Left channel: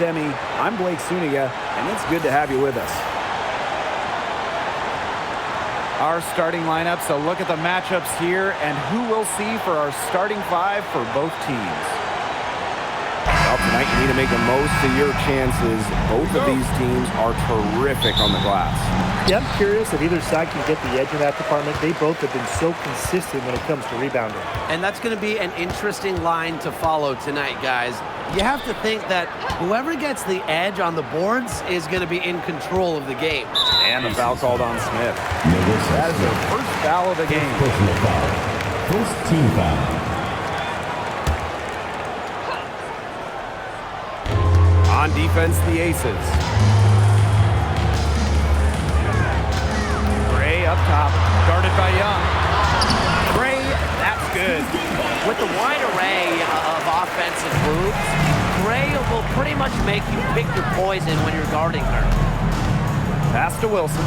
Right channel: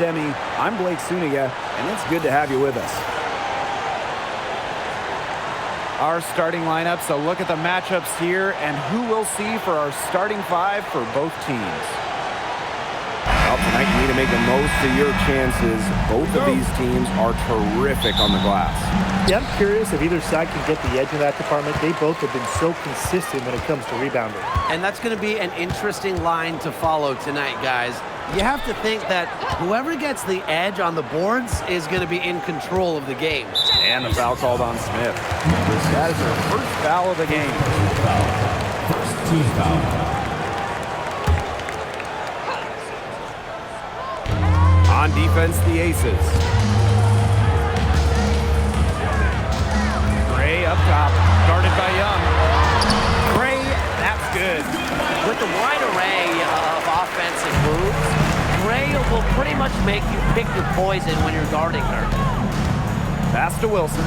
Emmy. I'm Blake Suniga, and it's good to have you with us. Our starting lineups, a look at the matchups here, and who we'll see for our starting five for both teams. Well, tonight you need to make the most of your chances. Both of these teams are terrific on the glass. Yeah, I'm curious if either side can get the edge in that department. They both have been so consistent when it comes to rebounding. And that's going to be an interesting line to follow tonight, guys. You have to think that whoever gets the edge on the boards is going to be in control of the game. And the foul called on Smith. That is her first foul of the game. First team foul. On defense, the Aces. Gray up top, guarded by Young. Gray, that's good. With the wide array of offensive moves, Gray will pretty much make you pick your poison when you're guarding her. Pass to Wilson.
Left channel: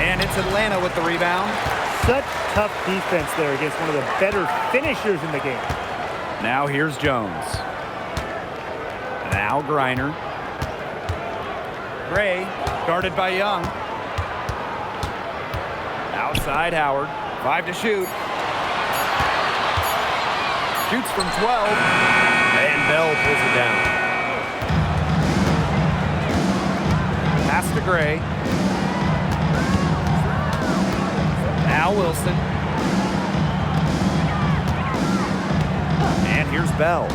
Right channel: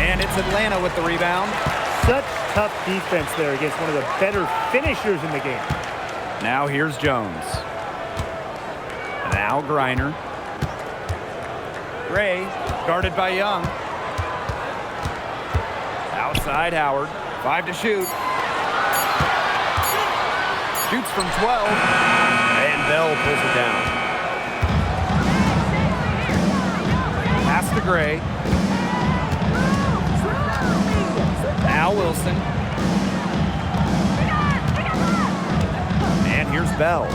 And it's Atlanta with the rebound. Such tough defense there against one of the better finishers in the game. Now here's Jones. Now Griner. Gray, guarded by Young. Outside Howard. 5 to shoot. Shoots from 12. And Bell pulls it down. Pass to Gray. Now Wilson. And here's Bell.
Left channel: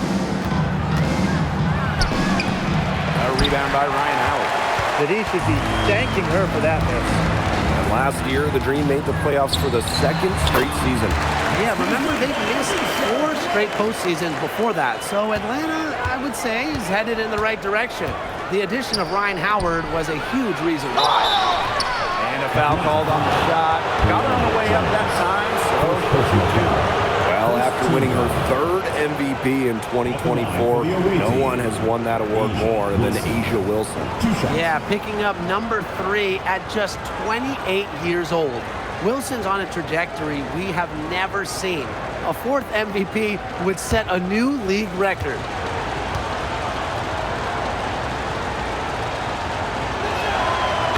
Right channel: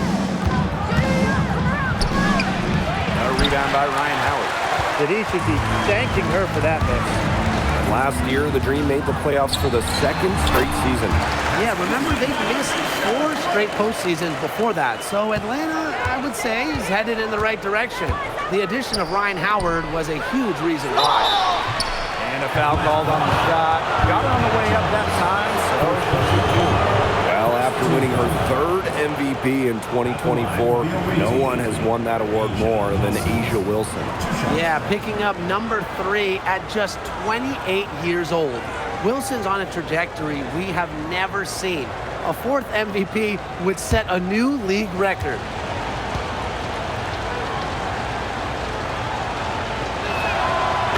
A rebound by Ryan Howard. That he should be thanking her for that miss. And last year, the Dream made the playoffs for the second straight season. Yeah, remember they missed 4 straight postseasons before that. So Atlanta, I would say, is headed in the right direction. The addition of Ryan Howard was a huge reason why. And a foul called on the shot. Got her on the way up that time, so she'll shoot 2. Well, after winning her 3rd MVP in 2024, no one has won that award more than A'ja Wilson. Yeah, picking up number 3 at just 28 years old. Wilson's on a trajectory we have never seen. A 4th MVP would set a new league record.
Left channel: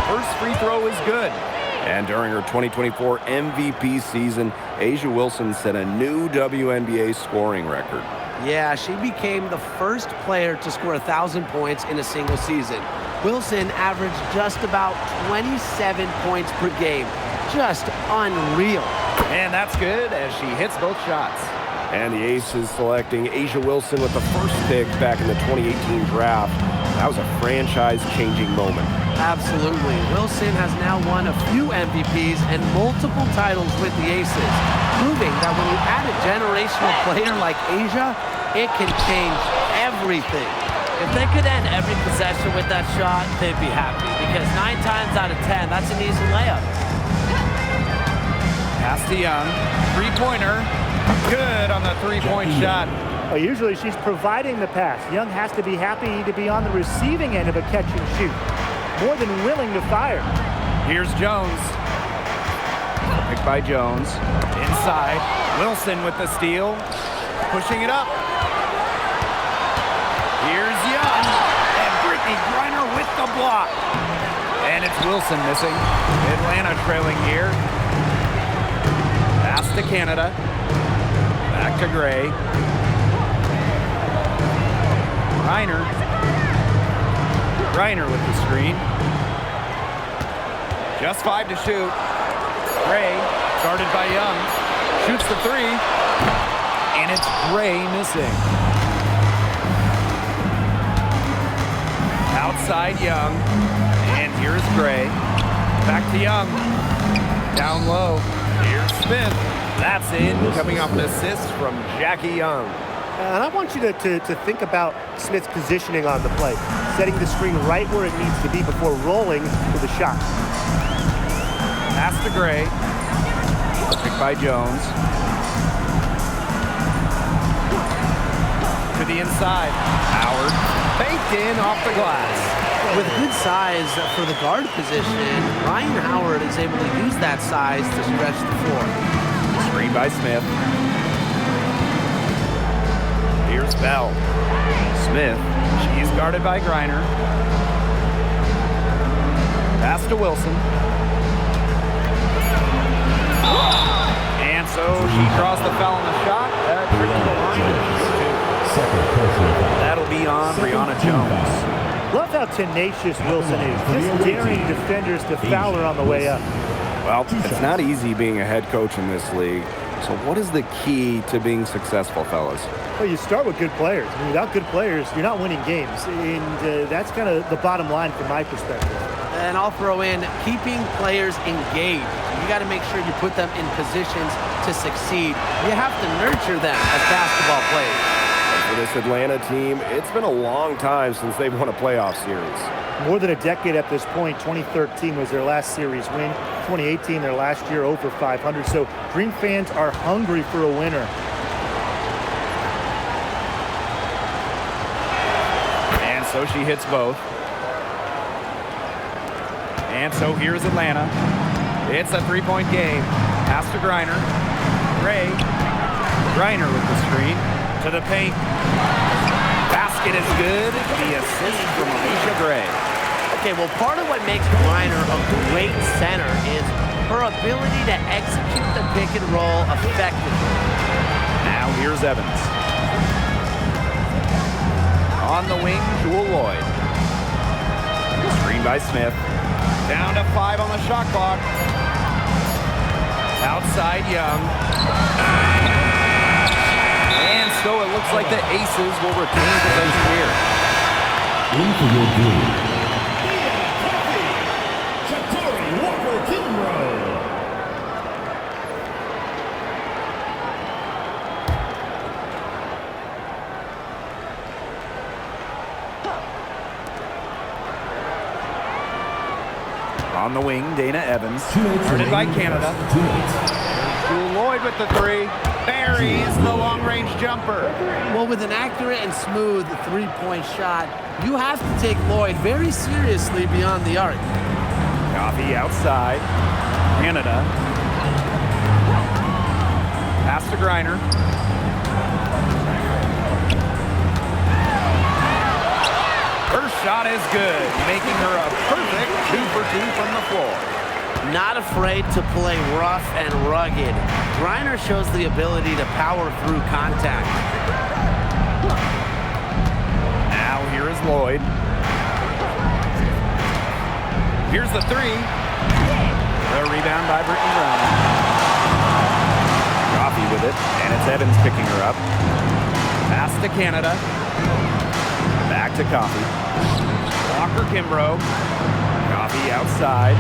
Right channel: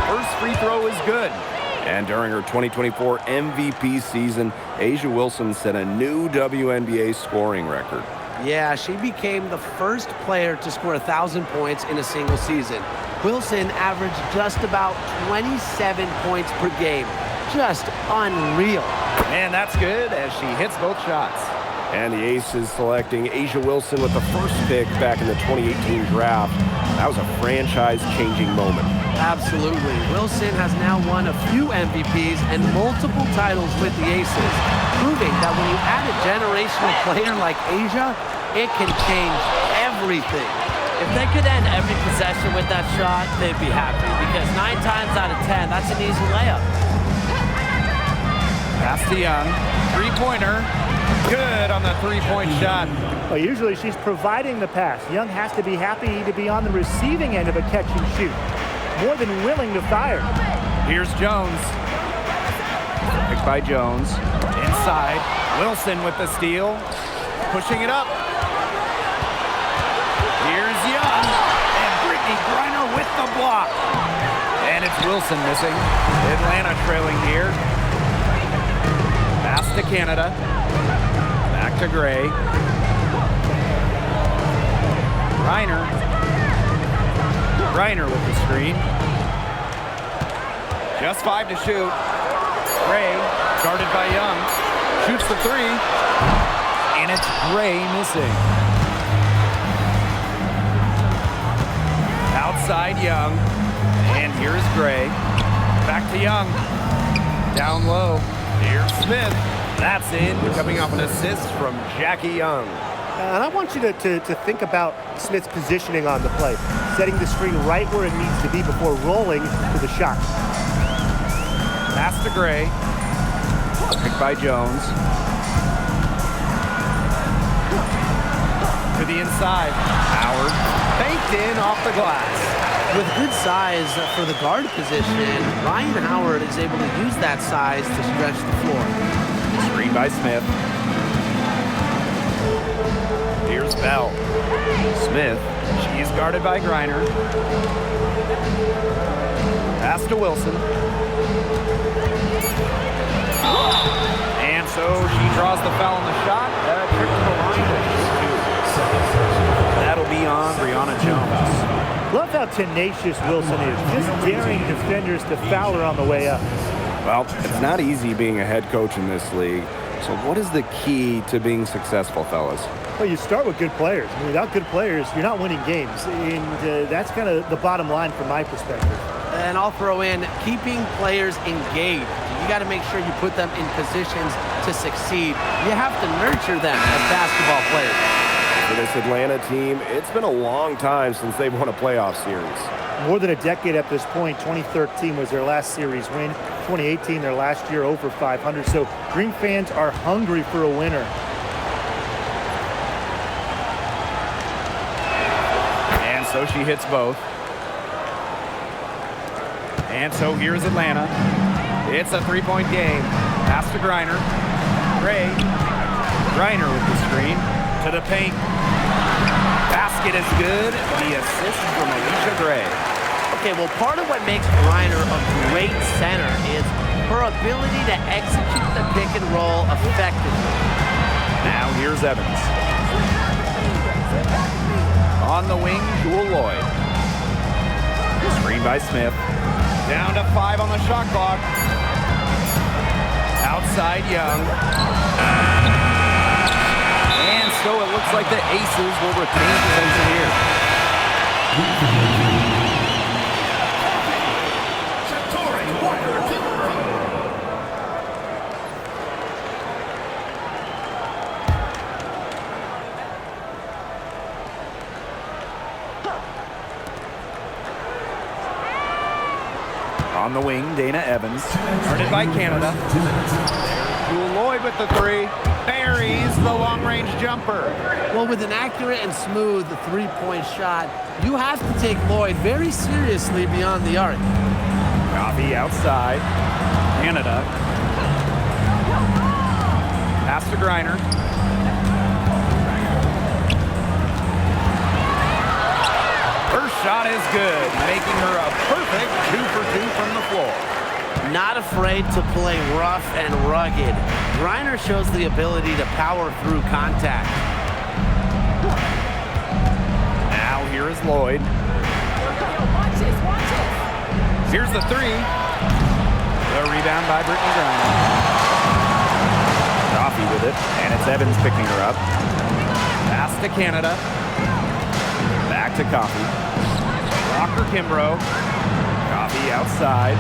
First free throw is good. And during her 2024 MVP season, A'ja Wilson set a new WNBA scoring record. Yeah, she became the first player to score 1,000 points in a single season. Wilson averaged just about 27 points per game. Just unreal. And that's good as she hits both shots. And the Aces selecting A'ja Wilson with the first pick back in the 2018 draft. That was a franchise-changing moment. Absolutely. Wilson has now won a few MVPs and multiple titles with the Aces, proving that when you add a generational player like A'ja, it can change everything. If they could end every possession with that shot, they'd be happy, because 9 times out of 10, that's an easy layup. Pass to Young. Three-pointer. Good on the three-point shot. Well, usually she's providing the pass. Young has to be happy to be on the receiving end of a catch and shoot. More than willing to fire. Here's Jones. Picked by Jones. Inside. Wilson with the steal. Pushing it up. Here's Young. And Brittany Griner with the block. And it's Wilson missing. Atlanta trailing here. Pass to Canada. Back to Gray. Griner with the screen. Just 5 to shoot. Gray, guarded by Young, shoots the 3. And it's Gray missing. Outside Young. And here's Gray. Back to Young. Down low. Here's Smith. That's in. Coming off an assist from Jackie Young. And I want you to think about Smith's positioning on the play, setting the screen right where it needs to be before rolling to the shot. Pass to Gray. Picked by Jones. To the inside. Howard. Baked in off the glass. With good size for the guard position, Ryan Howard is able to use that size to stretch the floor. Screen by Smith. Here's Bell. Smith. She's guarded by Griner. Pass to Wilson. And so she draws the foul on the shot. Trip to the line to shoot two. That'll be on Brianna Jones. Love how tenacious Wilson is, just daring defenders to foul her on the way up. Well, it's not easy being a head coach in this league. So what is the key to being successful, fellas? Well, you start with good players. I mean, without good players, you're not winning games. And that's kind of the bottom line from my perspective. And I'll throw in keeping players engaged. You got to make sure you put them in positions to succeed. You have to nurture them as basketball players. And for this Atlanta team, it's been a long time since they've won a playoff series. More than a decade at this point. 2013 was their last series win. 2018, their last year over 500. So Dream fans are hungry for a winner. And so she hits both. And so here's Atlanta. It's a three-point game. Pass to Griner. Gray. Griner with the screen. To the paint. Basket is good. The assist from Alicia Gray. Okay, well, part of what makes Griner a great center is her ability to execute the pick and roll effectively. Now here's Evans. On the wing, Jewel Lloyd. Screen by Smith. Down to 5 on the shot clock. Outside Young. And so it looks like the Aces will retain possession here. On the wing, Dana Evans. Guarded by Canada. There's Jewel Lloyd with the three. Buries the long-range jumper. Well, with an accurate and smooth three-point shot, you have to take Lloyd very seriously beyond the arc. Coffee outside. Canada. Pass to Griner. Her shot is good, making her a perfect 2 for 2 from the floor. Not afraid to play rough and rugged. Griner shows the ability to power through contact. Now here is Lloyd. Here's the three. The rebound by Brittany Griner. Coffee with it, and it's Evans picking her up. Pass to Canada. Back to Coffee. Walker Kimbrough. Coffee outside.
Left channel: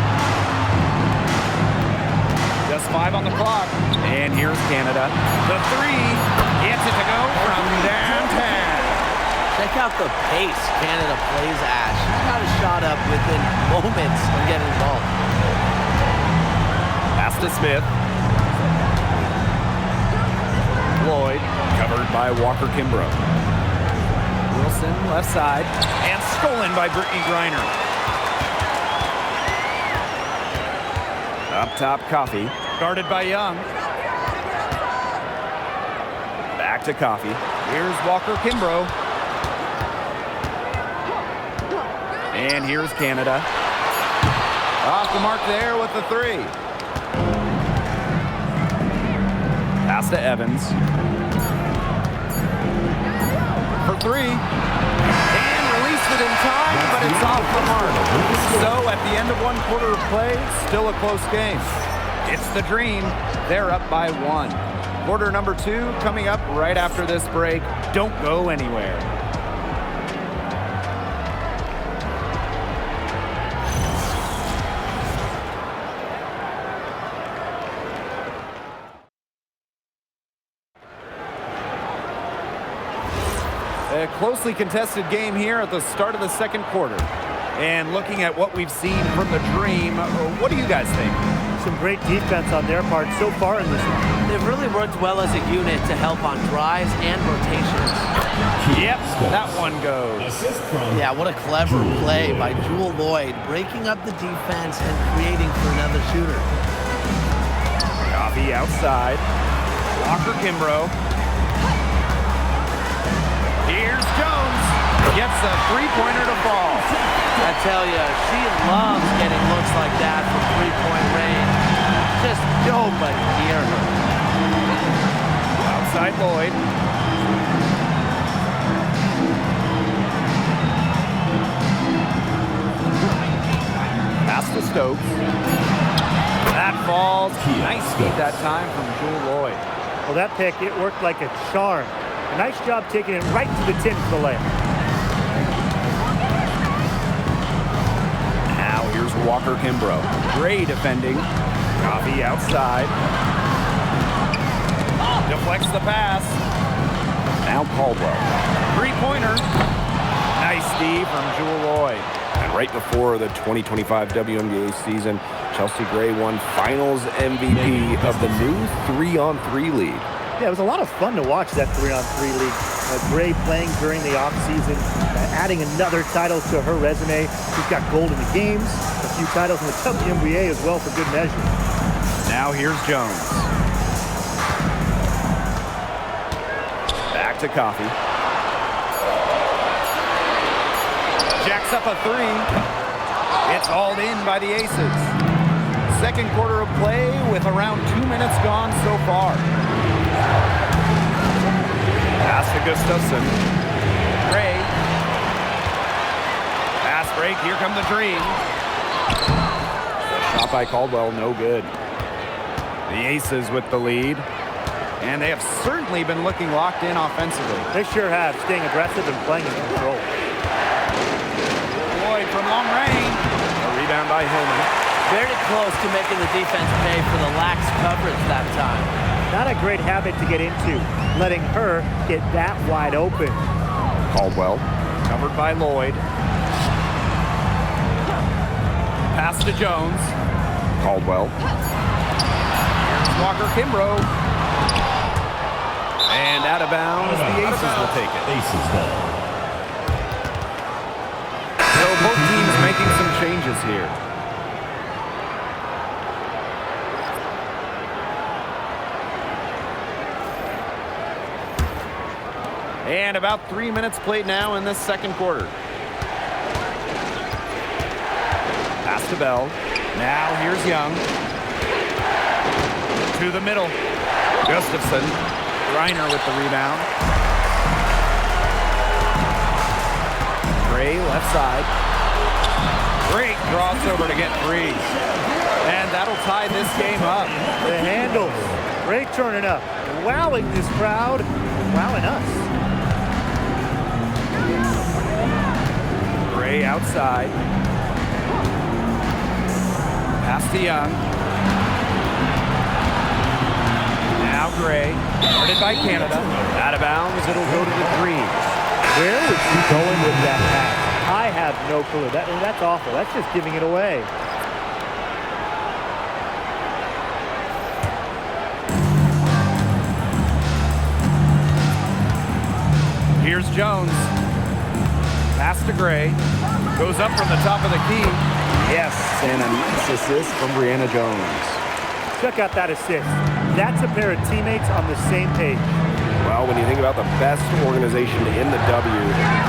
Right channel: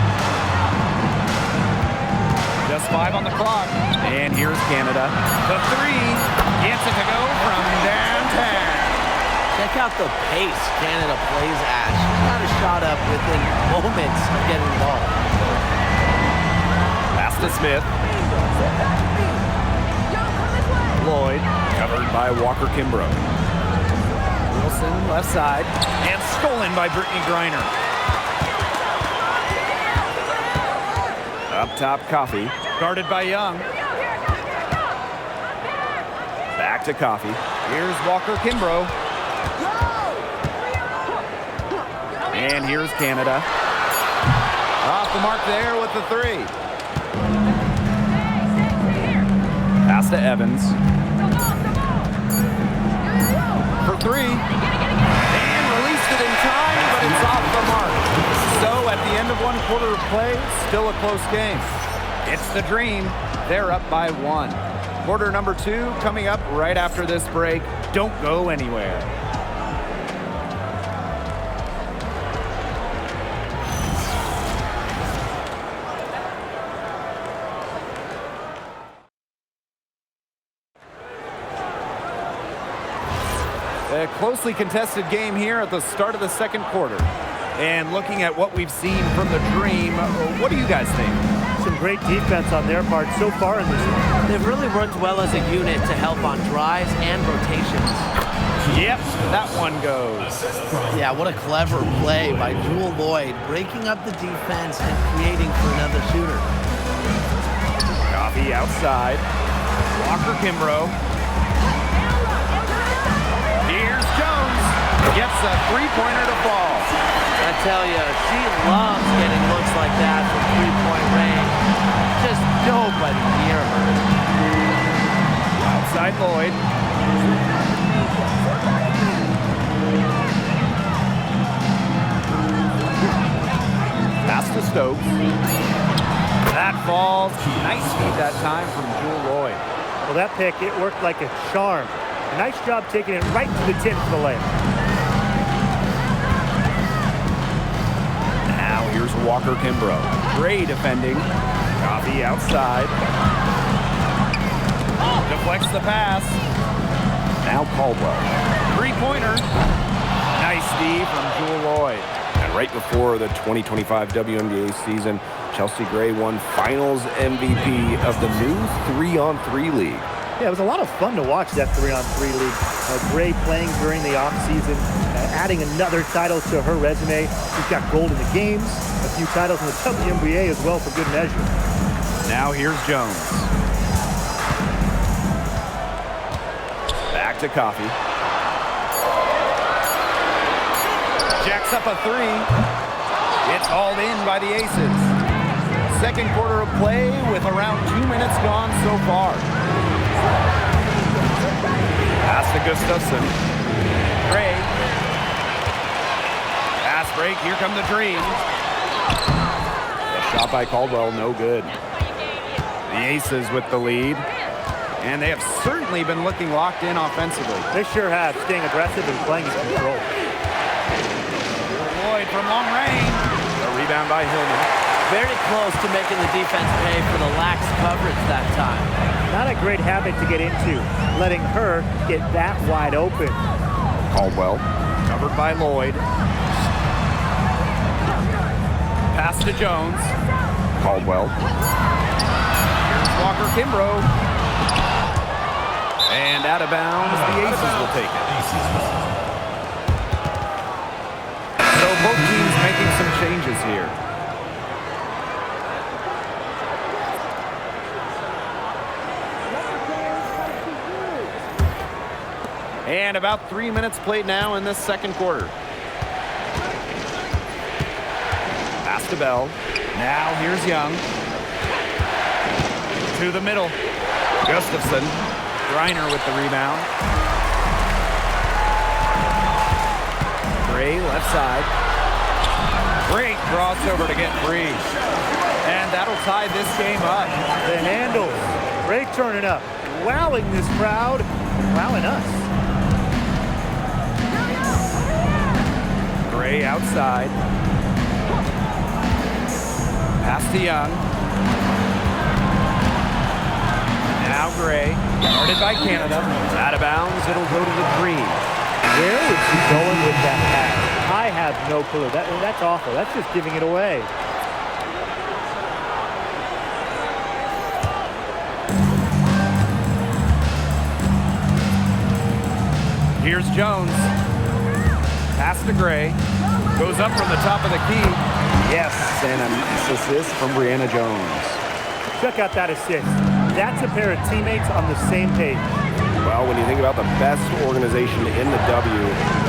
Just 5 on the clock. And here's Canada. The three gets it to go from downtown. Check out the pace Canada plays at. She's got a shot up within moments of getting the ball. Pass to Smith. Lloyd, covered by Walker Kimbrough. Wilson, left side, and stolen by Brittany Griner. Up top, Coffee, guarded by Young. Back to Coffee. Here's Walker Kimbrough. And here's Canada. Off the mark there with the three. Pass to Evans. For three. And released it in time, but it's off the mark. So at the end of 1 quarter of play, still a close game. It's the Dream. They're up by 1. Quarter number 2 coming up right after this break. Don't go anywhere. A closely contested game here at the start of the second quarter. And looking at what we've seen from the Dream, what do you guys think? Some great defense on their part so far in this one. They've really worked well as a unit to help on drives and rotations. Yep, that one goes. Yeah, what a clever play by Jewel Lloyd, breaking up the defense and creating for another shooter. Coffee outside. Walker Kimbrough. Here's Jones. Gets a three-pointer to fall. I tell you, she loves getting looks like that from three-point range. Just nobody near her. Outside Lloyd. Pass to Stokes. That falls. Nice feed that time from Jewel Lloyd. Well, that pick, it worked like a charm. A nice job taking it right to the 10 for the layup. Now here's Walker Kimbrough. Gray defending. Coffee outside. Deflects the pass. Now Caldwell. Three-pointer. Nice D from Jewel Lloyd. And right before the 2025 WNBA season, Chelsea Gray won Finals MVP of the new 3-on-3 league. Yeah, it was a lot of fun to watch that 3-on-3 league. Gray playing during the offseason, adding another title to her resume. She's got gold in the games, a few titles in the WNBA as well for good measure. Now here's Jones. Back to Coffee. Jacks up a three. It's hauled in by the Aces. Second quarter of play with around 2 minutes gone so far. Pass to Gustafson. Gray. Pass break. Here come the Dream. The shot by Caldwell, no good. The Aces with the lead. And they have certainly been looking locked in offensively. They sure have, staying aggressive and playing in control. Lloyd from long range. The rebound by Hillman. Very close to making the defense pay for the lax coverage that time. Not a great habit to get into, letting her get that wide open. Caldwell. Covered by Lloyd. Pass to Jones. Caldwell. Here's Walker Kimbrough. And out of bounds, the Aces will take it. Aces ball. So both teams making some changes here. And about 3 minutes played now in this second quarter. Pass to Bell. Now here's Young. To the middle. Gustafson. Reiner with the rebound. Gray left side. Great crossover to get free. And that'll tie this game up. The handles. Gray turning up, wowing this crowd and wowing us. Gray outside. Pass to Young. Now Gray, guarded by Canada. Out of bounds, it'll go to the Dream. Where was she going with that pass? I have no clue. That's awful. That's just giving it away. Here's Jones. Pass to Gray. Goes up from the top of the key. Yes, and a nice assist from Brianna Jones. Check out that assist. That's a pair of teammates on the same page. Well, when you think about the best organization in the W,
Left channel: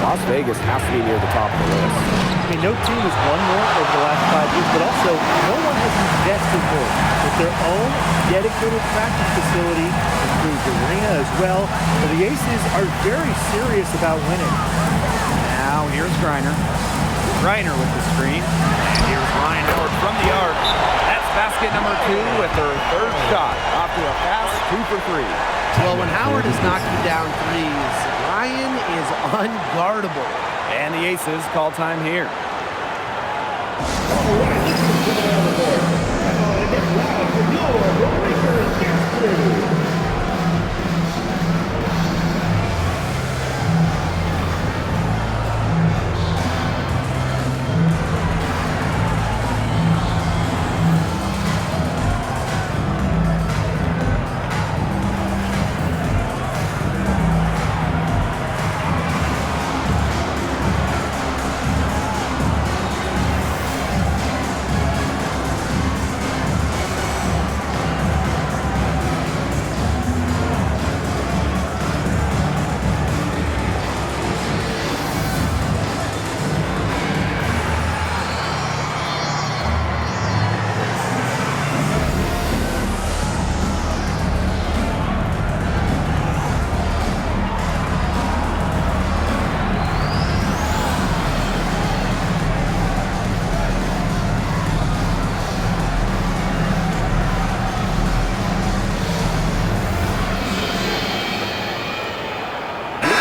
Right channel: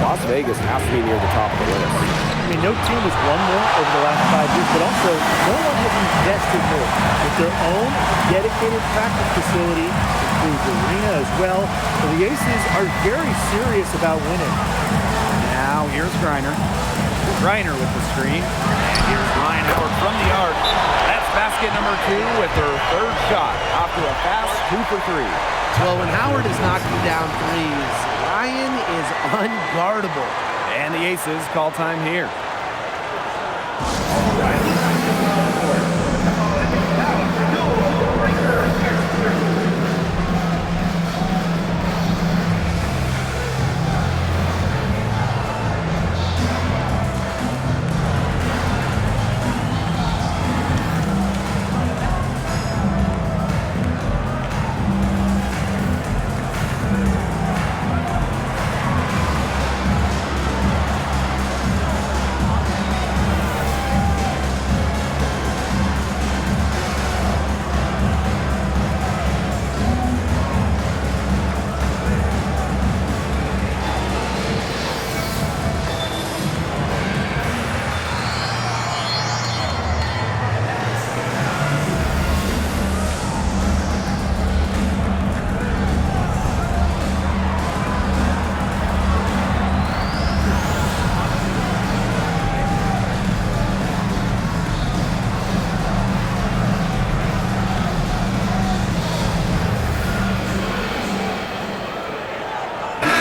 Las Vegas has to be near the top of the list. I mean, no team has won more over the last 5 years, but also no one has invested more with their own dedicated practice facility, improved arena as well. So the Aces are very serious about winning. Now here's Griner. Griner with the screen. And here's Ryan Howard from the arc. That's basket number 2 with her third shot. Off to a fast 2 for 3. Well, when Howard is knocking down threes, Ryan is unguardable. And the Aces call time here.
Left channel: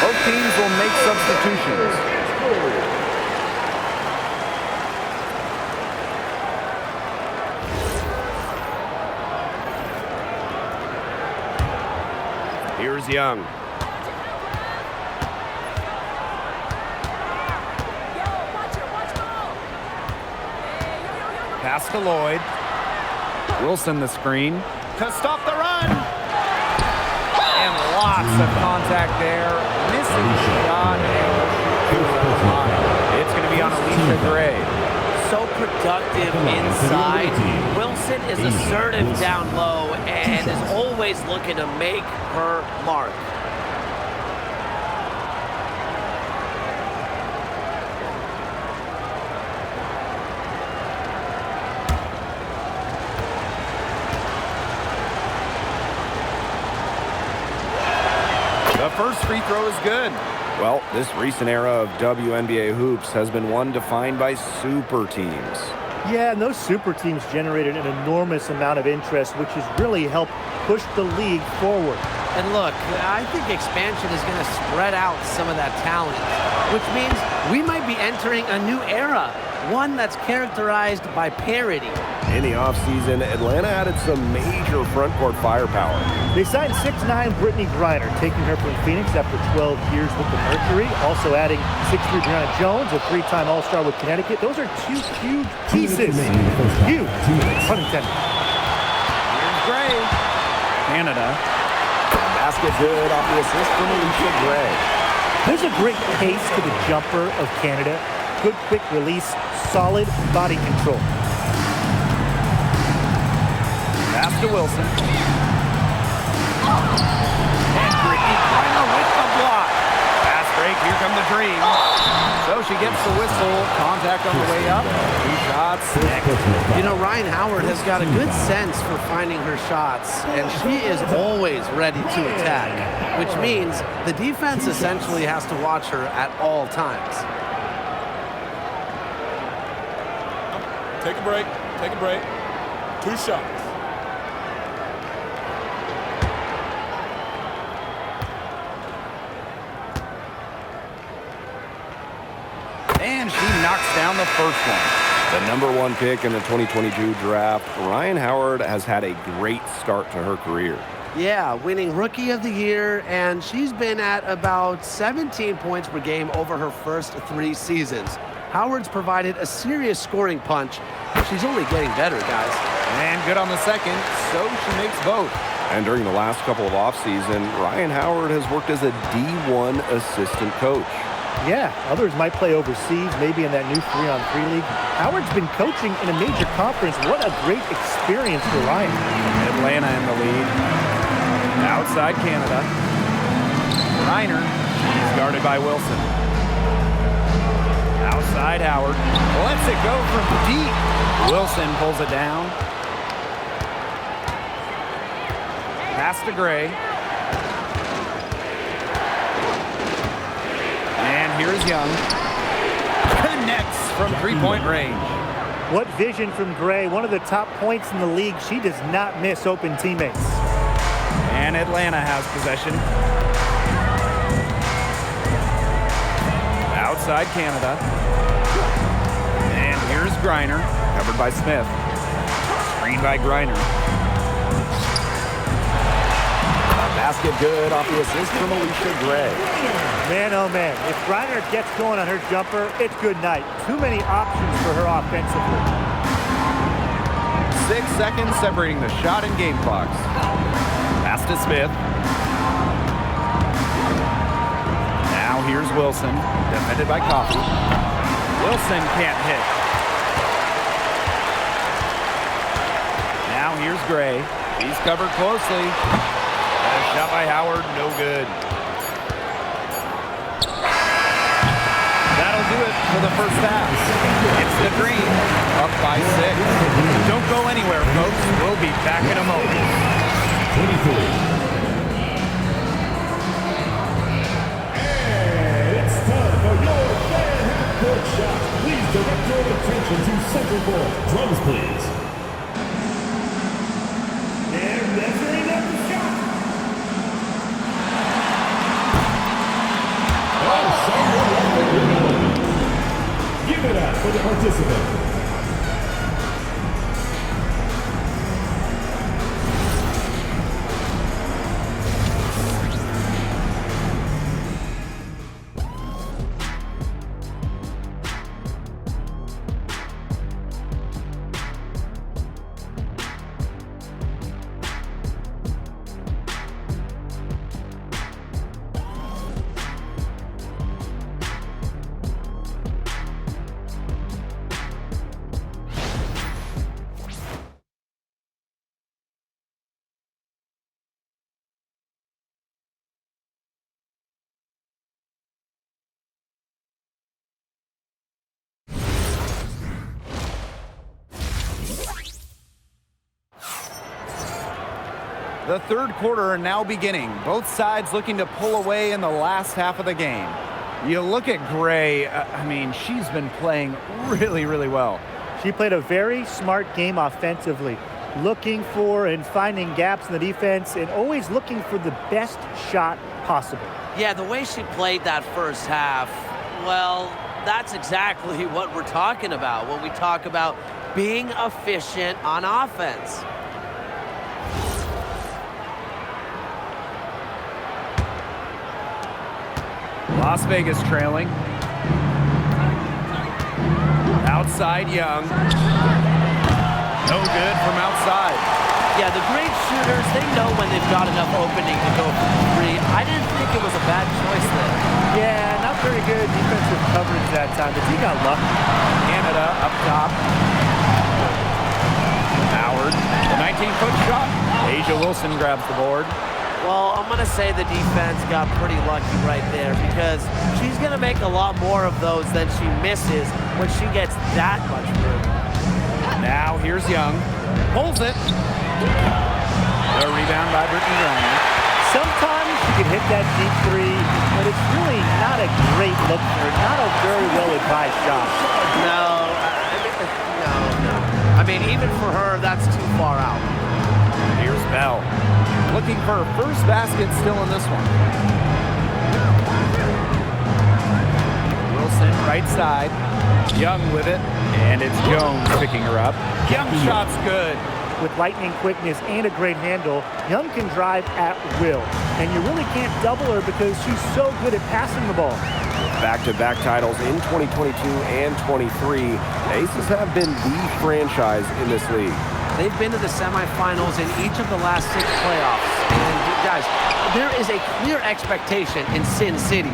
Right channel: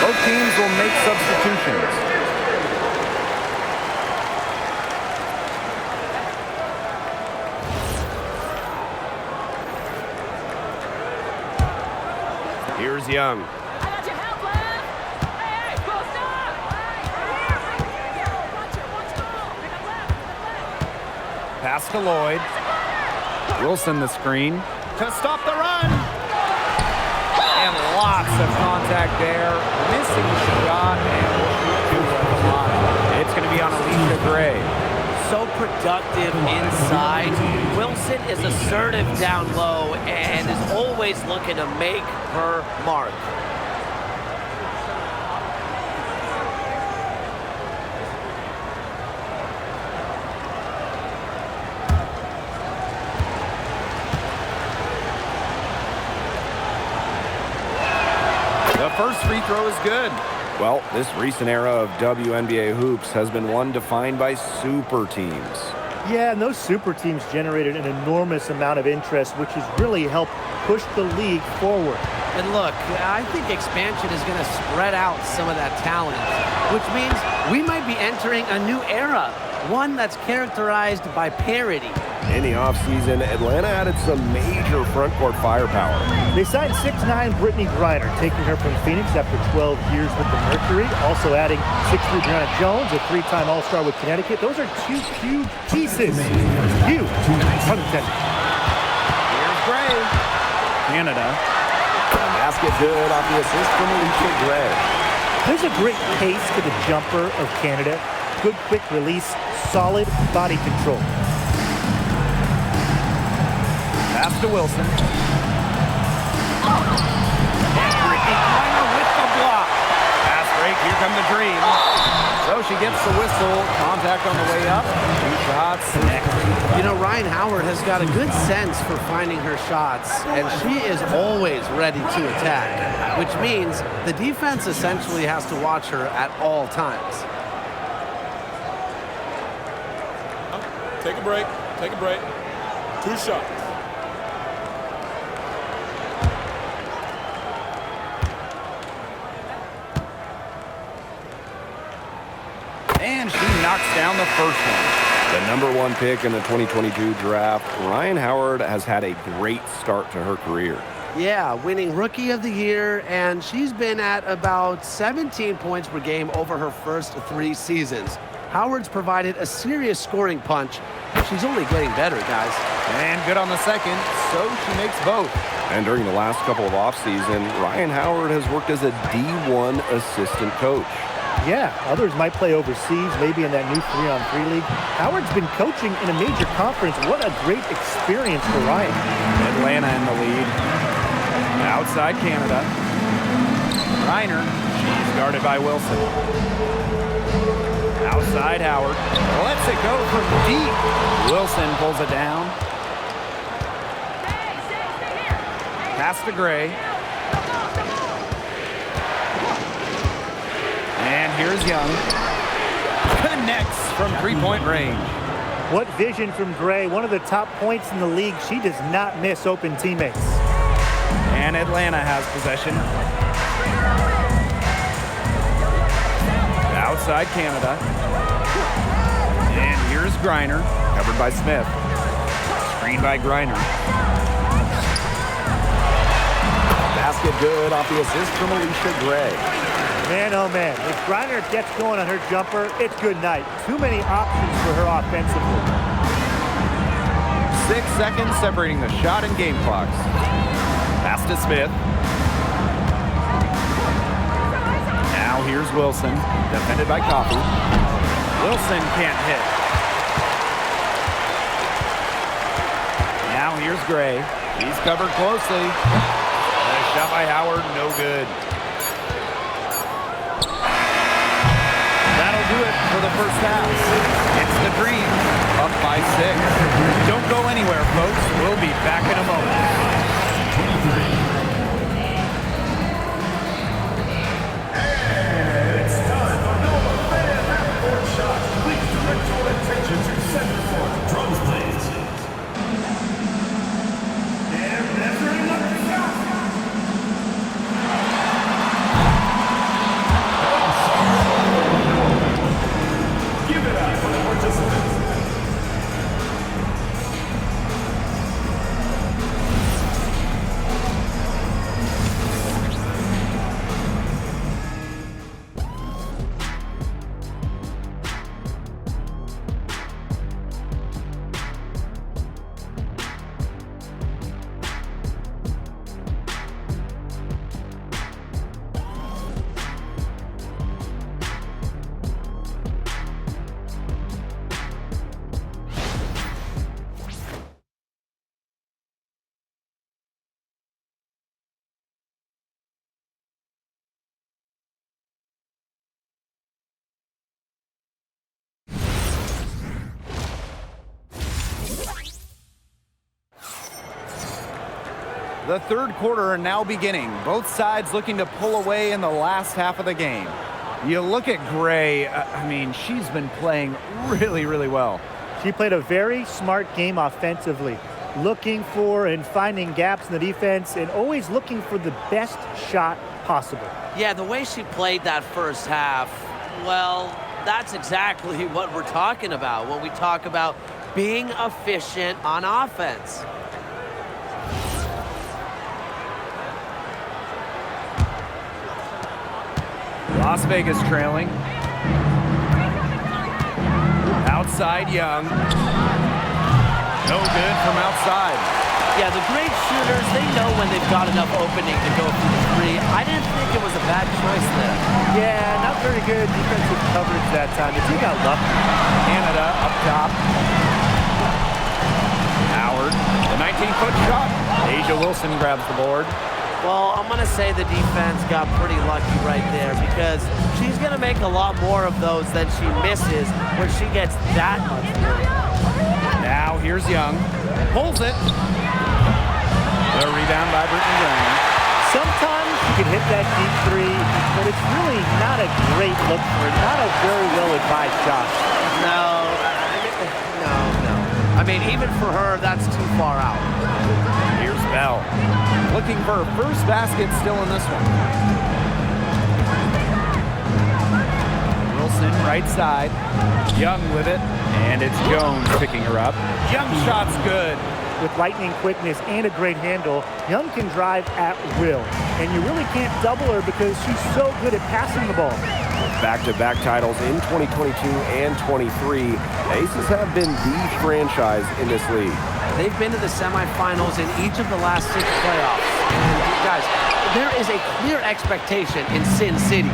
Both teams will make substitutions. Here's Young. Pass to Lloyd. Wilson the screen to stop the run. And lots of contact there. Missing shot, and we'll shoot two at the line. It's going to be on Alicia Gray. So productive inside. Wilson is assertive down low and is always looking to make her mark. The first free throw is good. Well, this recent era of WNBA hoops has been one defined by super teams. Yeah, and those super teams generated an enormous amount of interest, which has really helped push the league forward. And look, I think expansion is going to spread out some of that talent, which means we might be entering a new era, one that's characterized by parity. In the offseason, Atlanta added some major frontcourt firepower. They signed 6'9" Brittany Griner, taking her from Phoenix after 12 years with the Mercury. Also adding 6'3" Brianna Jones, a three-time All-Star with Connecticut. Those are two huge pieces. Huge, pun intended. Here's Gray. Canada. A basket good off the assist from Alicia Gray. There's a great pace to the jumper of Canada. Good quick release, solid body control. Pass to Wilson. And Brittany Griner with the block. Pass break, here come the Dream. So she gets the whistle. Contact on the way up. Two shots. Next. You know, Ryan Howard has got a good sense for finding her shots, and she is always ready to attack, which means the defense essentially has to watch her at all times. Take a break. Take a break. Two shots. And she knocks down the first one. The #1 pick in the 2022 draft, Ryan Howard has had a great start to her career. Yeah, winning Rookie of the Year, and she's been at about 17 points per game over her first 3 seasons. Howard's provided a serious scoring punch, and she's only getting better, guys. And good on the second, so she makes both. And during the last couple of offseason, Ryan Howard has worked as a D1 assistant coach. Yeah, others might play overseas, maybe in that new 3-on-3 league. Howard's been coaching in a major conference. What a great experience for Ryan. Atlanta in the lead. Outside Canada. Reiner, she's guarded by Wilson. Outside Howard. Lets it go from deep. Wilson pulls it down. Pass to Gray. And here's Young. Connects from three-point range. What vision from Gray. One of the top points in the league. She does not miss open teammates. And Atlanta has possession. Outside Canada. And here's Griner, covered by Smith. Screen by Griner. A basket good off the assist from Alicia Gray. Man, oh man, if Griner gets going on her jumper, it's good night. Too many options for her offensively. 6 seconds separating the shot and game clocks. Pass to Smith. Now here's Wilson, defended by Coffey. Wilson can't hit. Now here's Gray. He's covered closely. A shot by Howard, no good. That'll do it for the first half. It's the Dream, up by 6. Don't go anywhere, folks. We'll be back in a moment. 23. And it's time for your fan half-court shot. Please direct your attention to center court. Drums, please. They're measuring up the shot. The third quarter now beginning. Both sides looking to pull away in the last half of the game. You look at Gray, I mean, she's been playing really, really well. She played a very smart game offensively, looking for and finding gaps in the defense and always looking for the best shot possible. Yeah, the way she played that first half, well, that's exactly what we're talking about when we talk about being efficient on offense. Las Vegas trailing. Outside Young. No good from outside. Yeah, the great shooters, they know when they've got enough opening to go for the three. I didn't think it was a bad choice there. Yeah, not very good defensive coverage that time. The team got lucky. Canada up top. Howard, the 19-foot shot. Asia Wilson grabs the board. Well, I'm going to say the defense got pretty lucky right there because she's going to make a lot more of those than she misses when she gets that much room. Now here's Young. Pulls it. The rebound by Brittany Griner. Sometimes she can hit that deep three, but it's really not a great look for her. Not a very well-advised shot. No. I mean, even for her, that's too far out. Here's Bell. Looking for her first basket still in this one. Wilson right side. Young with it. And it's Jones picking her up. Young shot's good. With lightning quickness and a great handle, Young can drive at will. And you really can't double her because she's so good at passing the ball. Back-to-back titles in 2022 and 23. The Aces have been the franchise in this league. They've been to the semifinals in each of the last 6 playoffs. And guys, there is a clear expectation in Sin City.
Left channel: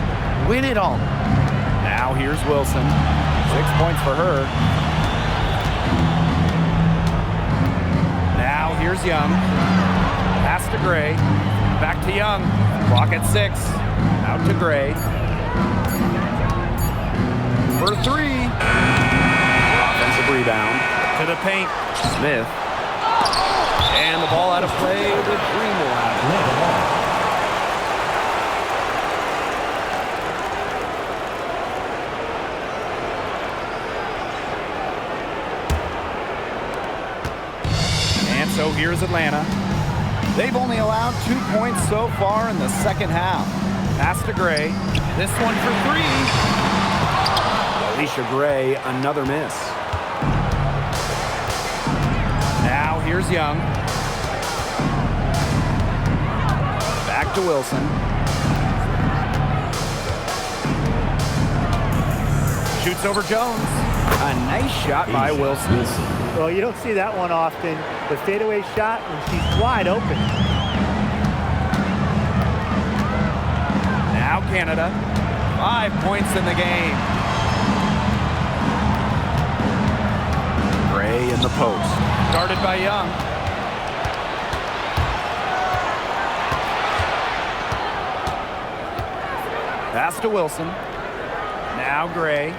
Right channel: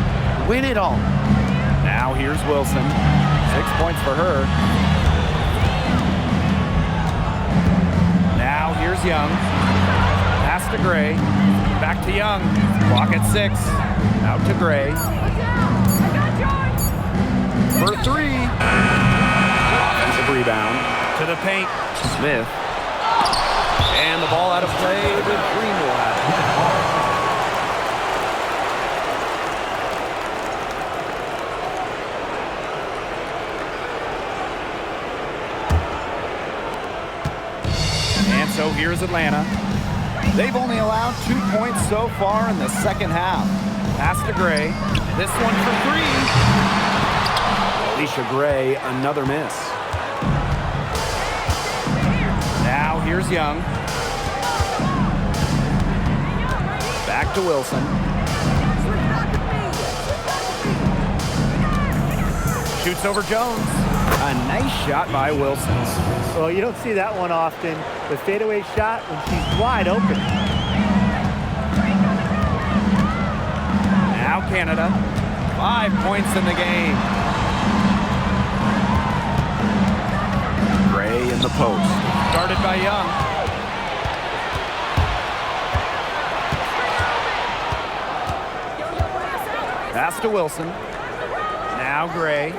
Win it all. Now here's Wilson. 6 points for her. Now here's Young. Pass to Gray. Back to Young. Clock at 6. Out to Gray. For 3. Offensive rebound. To the paint. Smith. And the ball out of play. The Dream will have it. And so here's Atlanta. They've only allowed 2 points so far in the second half. Pass to Gray. This one for 3. Alicia Gray, another miss. Now here's Young. Back to Wilson. Shoots over Jones. A nice shot by Wilson. Well, you don't see that one often. The fadeaway shot when she's wide open. Now Canada. 5 points in the game. Gray in the post. Started by Young. Pass to Wilson. Now Gray.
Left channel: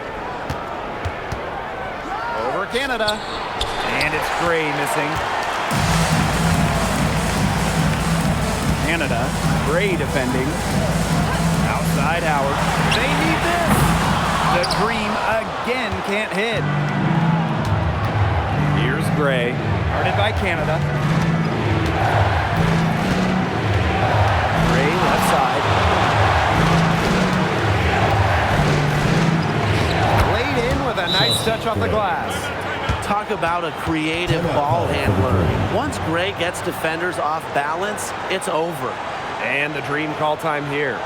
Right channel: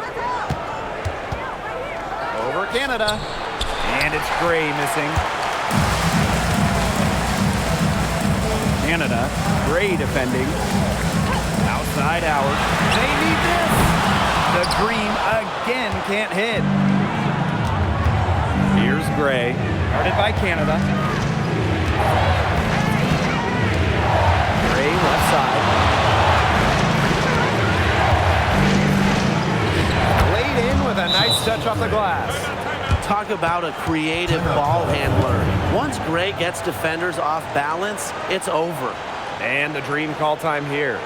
Over Canada. And it's Gray missing. Canada. Gray defending. Outside Howard. They need this. The Dream again can't hit. Here's Gray. Guarded by Canada. Gray left side. Laid in with a nice touch off the glass. Talk about a creative ball handler. Once Gray gets defenders off balance, it's over. And the Dream call time here.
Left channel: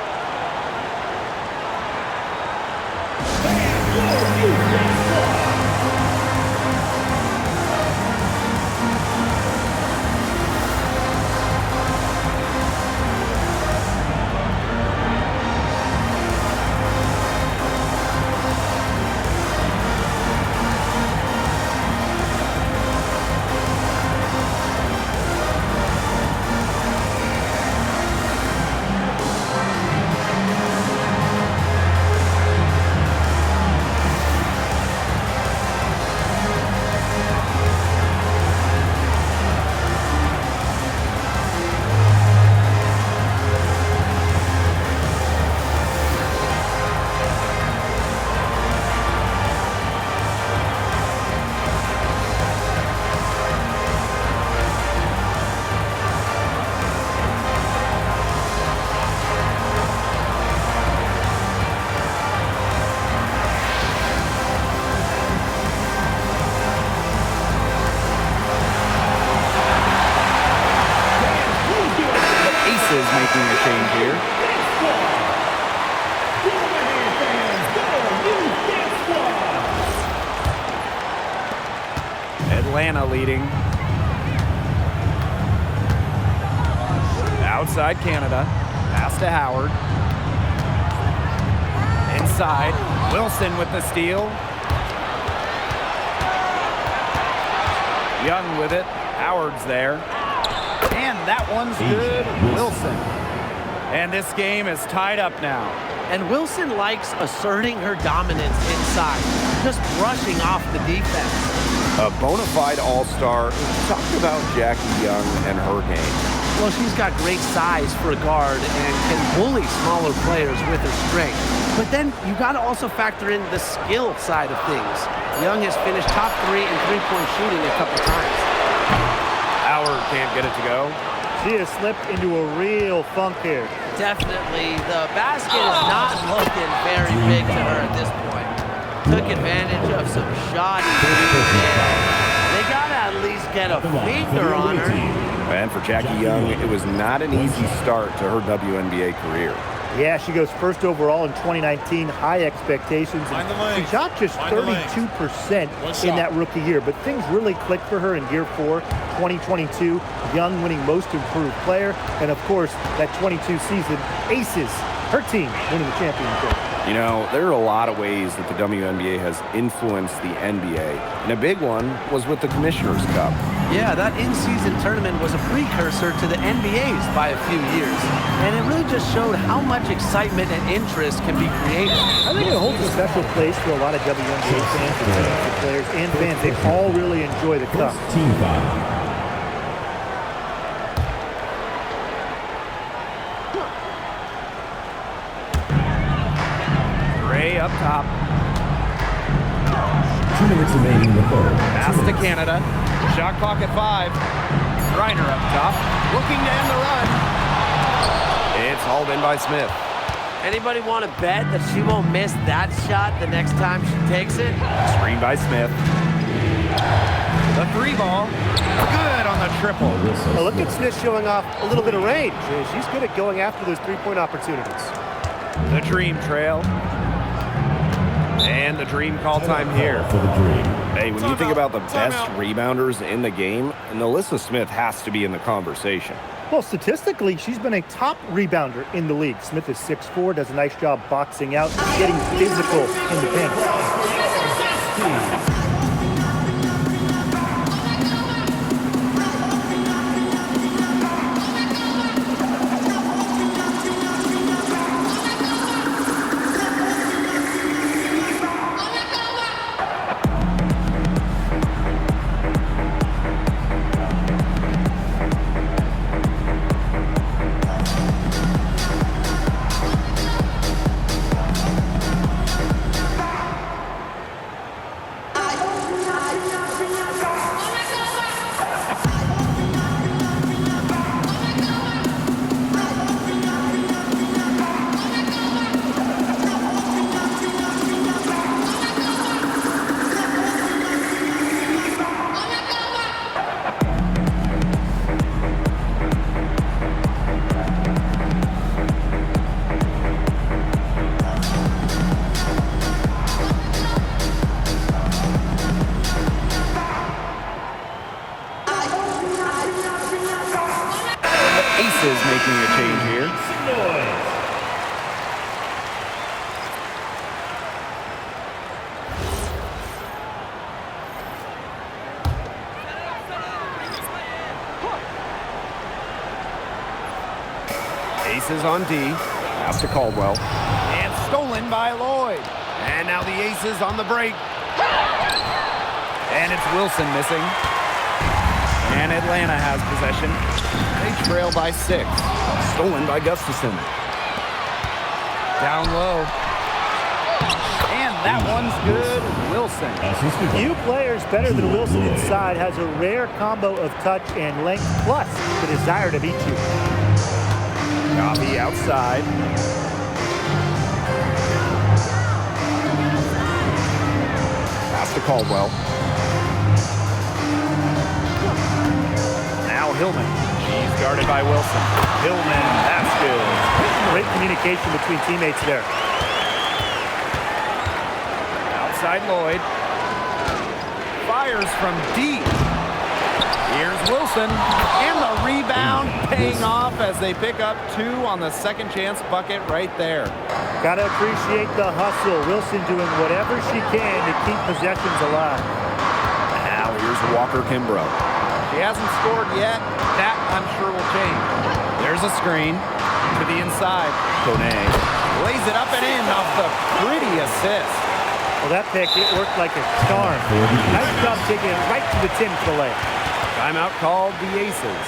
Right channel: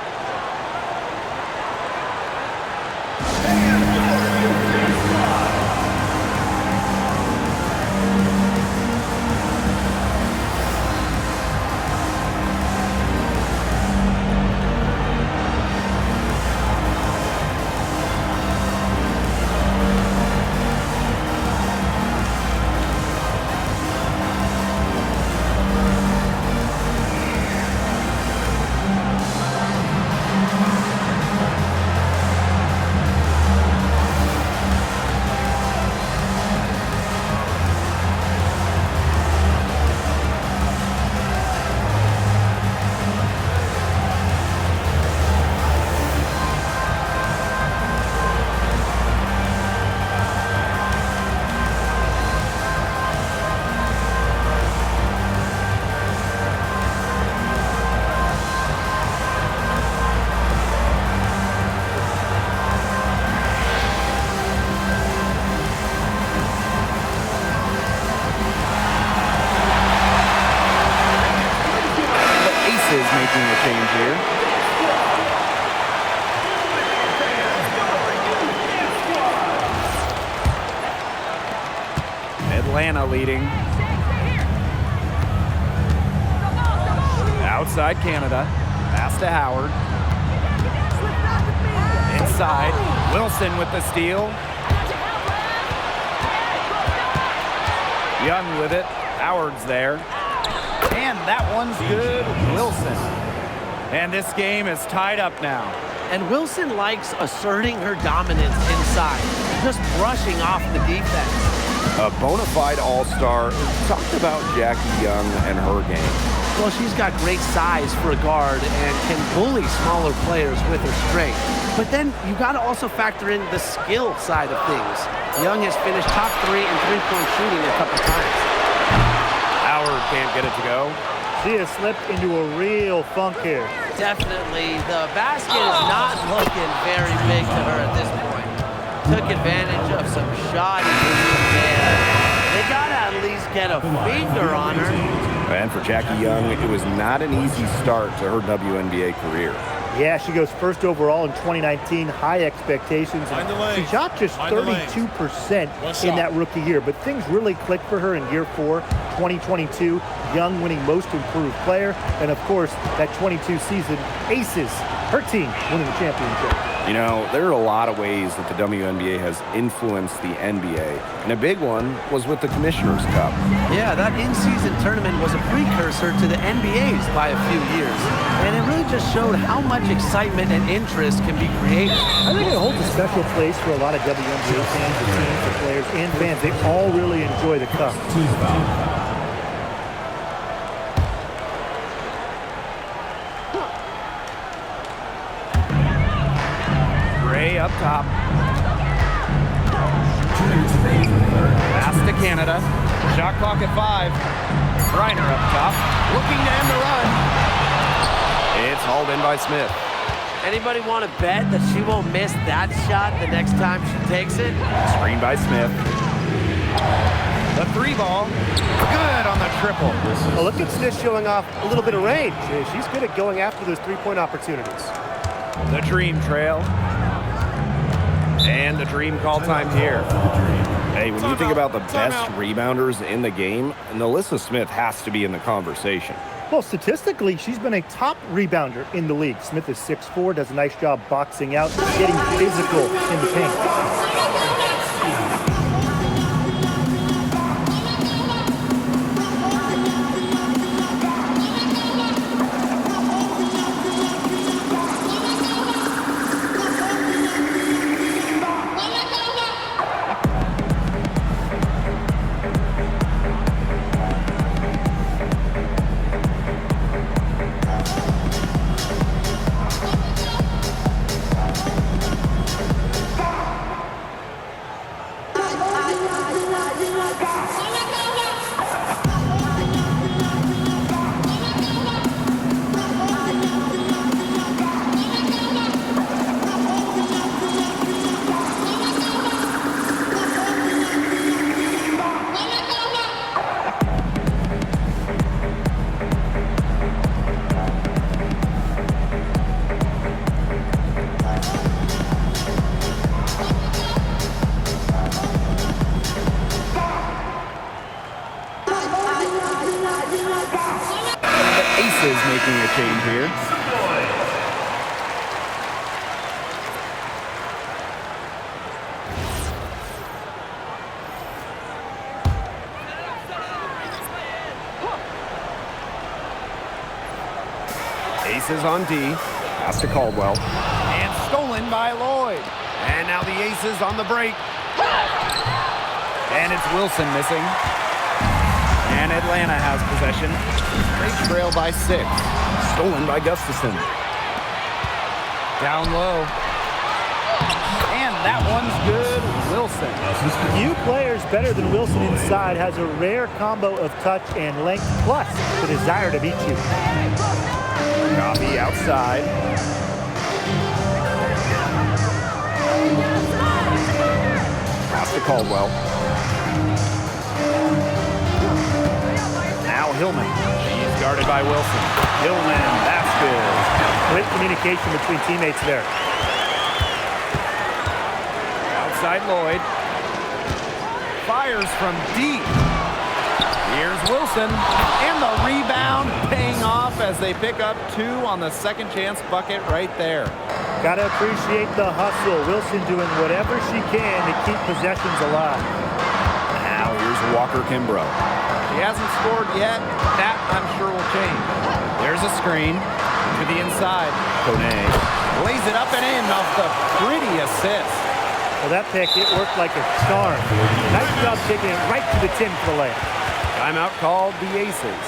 making a change here. WNBA fans, your youth dance squad. Atlanta leading. Outside Canada. Pass to Howard. Inside. Wilson with the steal. Young with it. Howard's there. And that one's good. Wilson. And this game is tied up now. And Wilson likes asserting her dominance inside, just brushing off the defense. A bona fide all-star. Talked about Jackie Young and her game. Well, she's got great size for a guard and can bully smaller players with her strength. But then you got to also factor in the skill side of things. Young has finished top 3 in three-point shooting a couple times. Howard can't get it to go. She has slipped into a real funk here. Definitely, the basket is not looking very big to her at this point. Took advantage of some shoddy movement there. They got to at least get a finger on her. And for Jackie Young, it was not an easy start to her WNBA career. Yeah, she goes first overall in 2019, high expectations. Mind the And lanes. she shot just Mind the lanes. 32% One in shot. that rookie year, but things really clicked for her in year 4, 2022. Young winning most improved player, and of course, that 22 season, Aces, her team winning the championship. You know, there are a lot of ways that the WNBA has influenced the NBA, and a big one was with the Commissioner's Cup. Yeah, that in-season tournament was a precursor to the NBA's by a few years. And it really just showed how much excitement and interest can be created. I think it holds a special place for a lot of WNBA fans, the teams, the players, and fans. They all really enjoy the cup. Team foul. Gray up top. 2 minutes remaining in the third. Pass to Canada. Shot clock at 5. Reiner up top. Looking to end the run. It's hauled in by Smith. Anybody want to bet that she won't miss that shot the next time she takes it? Screen by Smith. The 3 ball. Good on the triple. Well, look at Smith showing off a little bit of range. She's good at going after those three-point opportunities. The Dream trail. And the Dream call time here. For the Dream. Hey, when you think about the best rebounders in the game, Alyssa Smith has to be in the conversation. Well, statistically, she's been a top rebounder in the league. Smith is 6'4", does a nice job boxing out, getting physical in the paint. Aces making a change here. Aces on D. Pass to Caldwell. And stolen by Lloyd. And now the Aces on the break. And it's Wilson missing. And Atlanta has possession. They trail by 6. Stolen by Gustafson. Down low. And that one's good. Wilson. Few players better than Wilson inside, has a rare combo of touch and length, plus the desire to beat you. Coffee outside. Pass to Caldwell. Now Hillman. She's Guarded by Wilson. Hillman, that's good. Great communication between teammates there. Outside Lloyd. Fires from deep. Here's Wilson. And the rebound paying off as they pick up 2 on the second chance bucket right there. Gotta appreciate the hustle. Wilson doing whatever she can to keep possessions alive. Now here's Walker Kimbrough. She hasn't scored yet. That, I'm sure, will change. There's a screen to the inside. Kone. Lays it up and in off the pretty assist. Well, that pick, it worked like a charm. Nice job taking it right to the tin for the layup. Timeout called the Aces.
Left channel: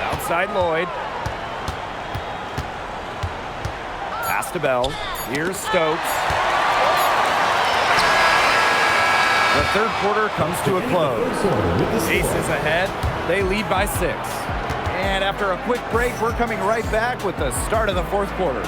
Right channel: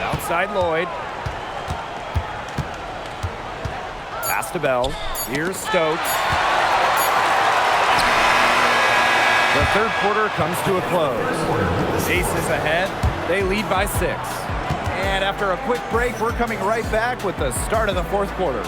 Outside Lloyd. Pass to Bell. Here's Stokes. The third quarter comes to a close. Aces ahead. They lead by 6. And after a quick break, we're coming right back with the start of the fourth quarter.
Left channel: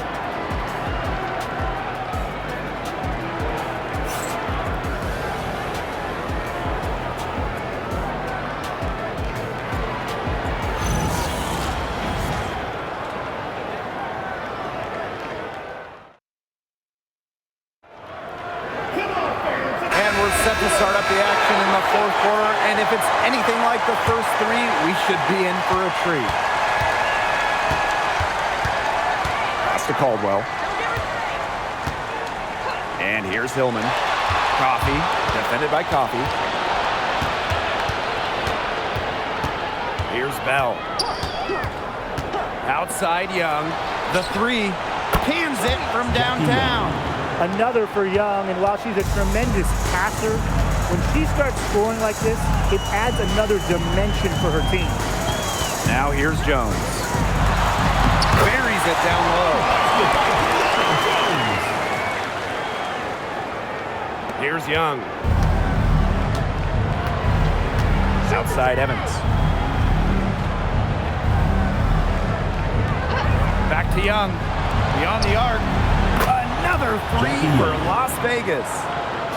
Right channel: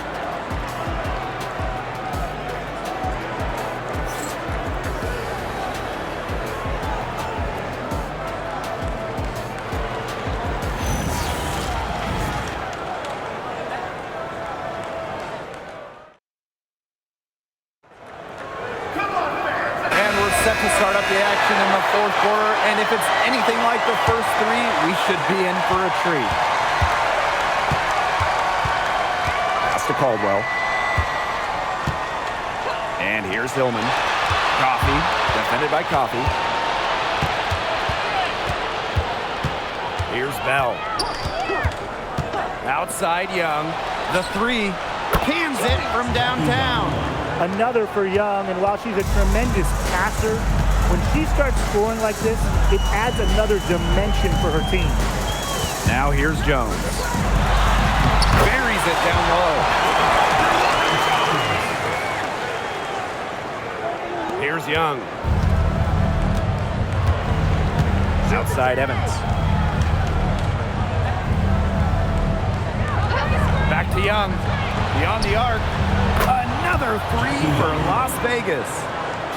And we're set to start up the action in the fourth quarter. And if it's anything like the first 3, we should be in for a treat. Pass to Caldwell. And here's Hillman. Coffee, defended by Coffee. Here's Bell. Outside Young. The 3. Cans it from downtown. Another for Young, and while she's a tremendous passer, when she starts scoring like this, it adds another dimension for her team. Now here's Jones. Buries it down low. Here's Young. Outside Evans. Back to Young. Beyond the arc. Another 3 for Las Vegas.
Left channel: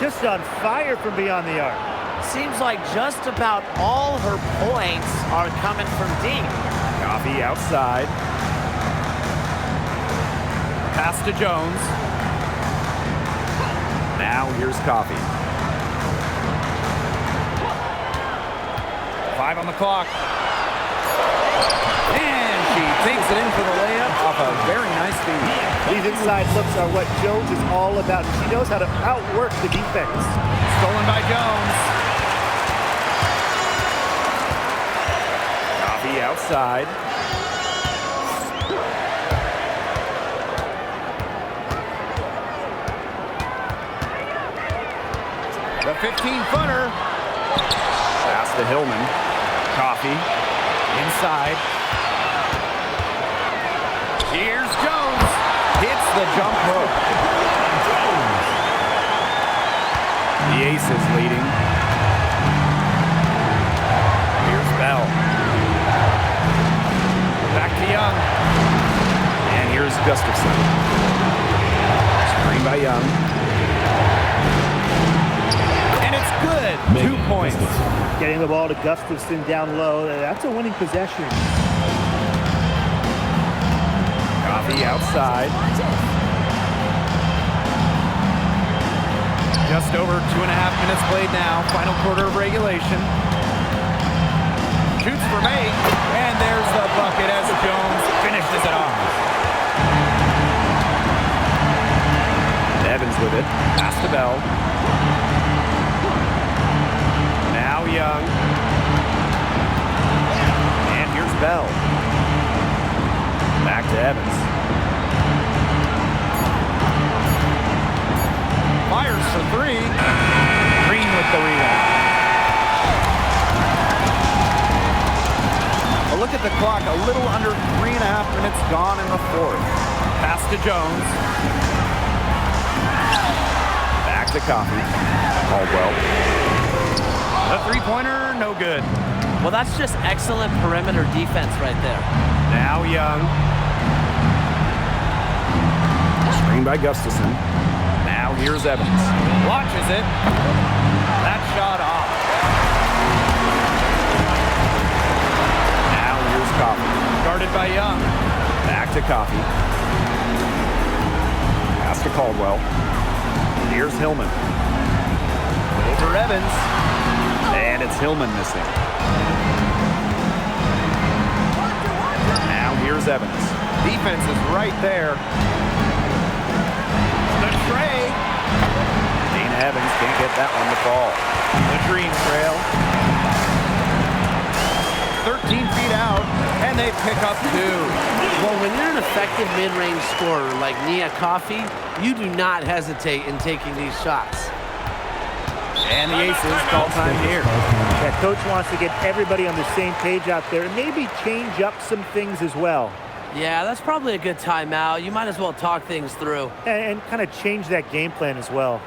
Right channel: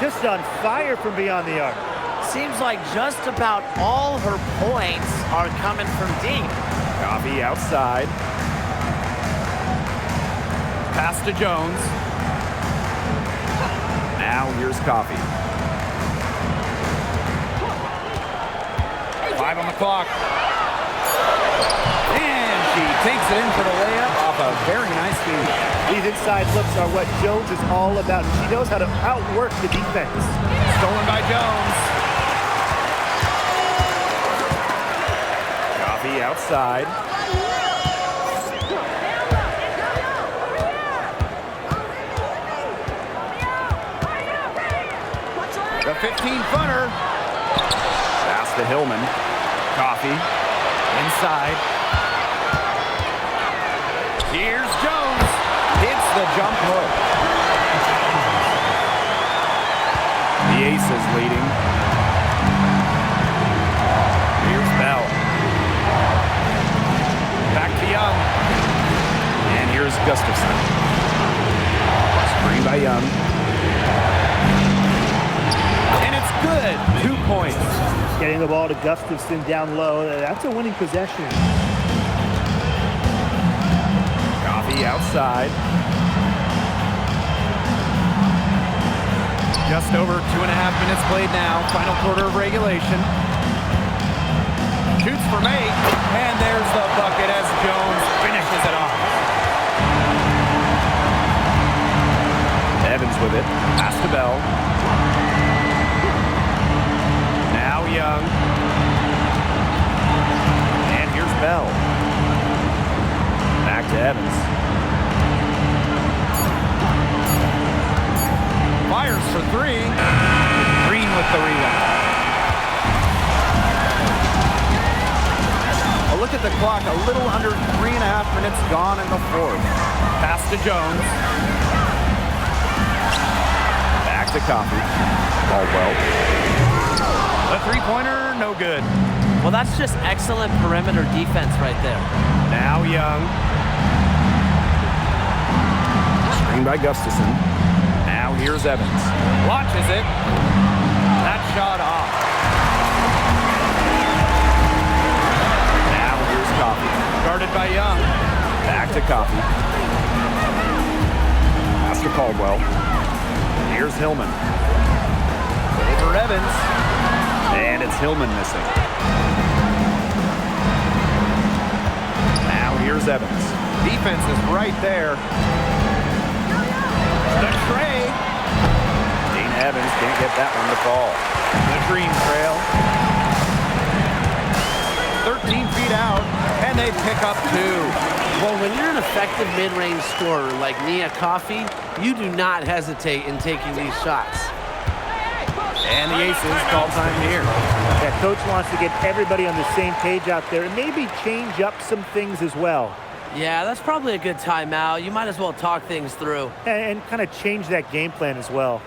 Just on fire from beyond the arc. Seems like just about all her points are coming from deep. Coffee outside. Pass to Jones. Now here's Coffee. 5 on the clock. And she takes it in for the layup off a very nice feed. These inside looks are what Jones is all about, and she knows how to outwork the defense. Stolen by Jones. Coffee outside. The 15-footer. Pass to Hillman. Coffee. Inside. Here's Jones. Hits the jump hook. The Aces leading. Here's Bell. Back to Young. And here's Gustafson. Screen by Young. And it's good. 2 points. Getting the ball to Gustafson down low. That's a winning possession. Coffee outside. Just over 2.5 minutes played now. Final quarter of regulation. Shoots for May. And there's the bucket as Jones finishes it off. Evans with it. Pass to Bell. Now Young. And here's Bell. Back to Evans. Fires for 3. Green with the rebound. A look at the clock. A little under 3.5 minutes gone in the fourth. Pass to Jones. Back to Coffee. Caldwell. The three-pointer, no good. Well, that's just excellent perimeter defense right there. Now Young. Screen by Gustafson. Now here's Evans. Launches it. That shot off. Now here's Coffee. Guarded by Young. Back to Coffee. Pass to Caldwell. Here's Hillman. Over Evans. And it's Hillman missing. Now here's Evans. Defense is right there. The tray. Dana Evans can't get that one to fall. The Dream trail. 13 feet out, and they pick up 2. Well, when you're an effective mid-range scorer like Nia Coffee, you do not hesitate in taking these shots. And the Aces call time here. That coach wants to get everybody on the same page out there and maybe change up some things as well. Yeah, that's probably a good timeout. You might as well talk things through. And kind of change that game plan as well.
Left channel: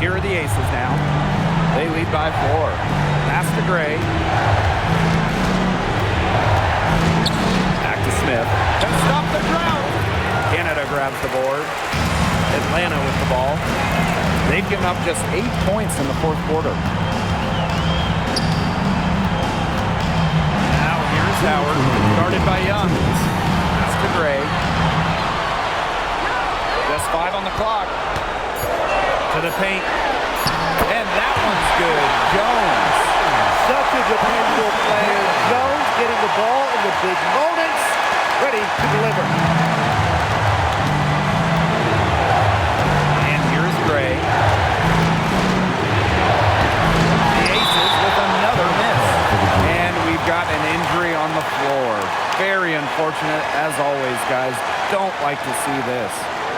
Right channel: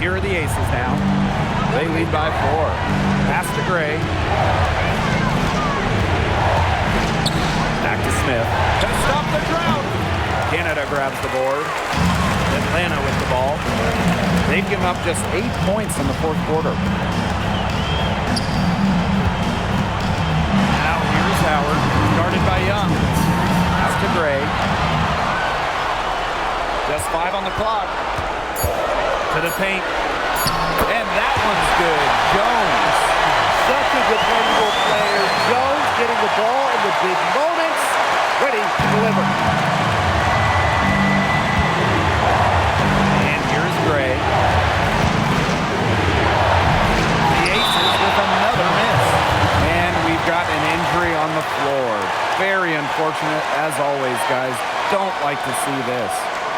Here are the Aces now. They lead by 4. Pass to Gray. Back to Smith. To stop the drought. Canada grabs the board. Atlanta with the ball. They've given up just 8 points in the fourth quarter. Now here's Howard, guarded by Young. Out to Gray. Just 5 on the clock. To the paint. And that one's good. Jones. Such a dependable player. Jones getting the ball in the big moments. Ready to deliver. And here's Gray. The Aces with another miss. And we've got an injury on the floor. Very unfortunate, as always, guys. Don't like to see this.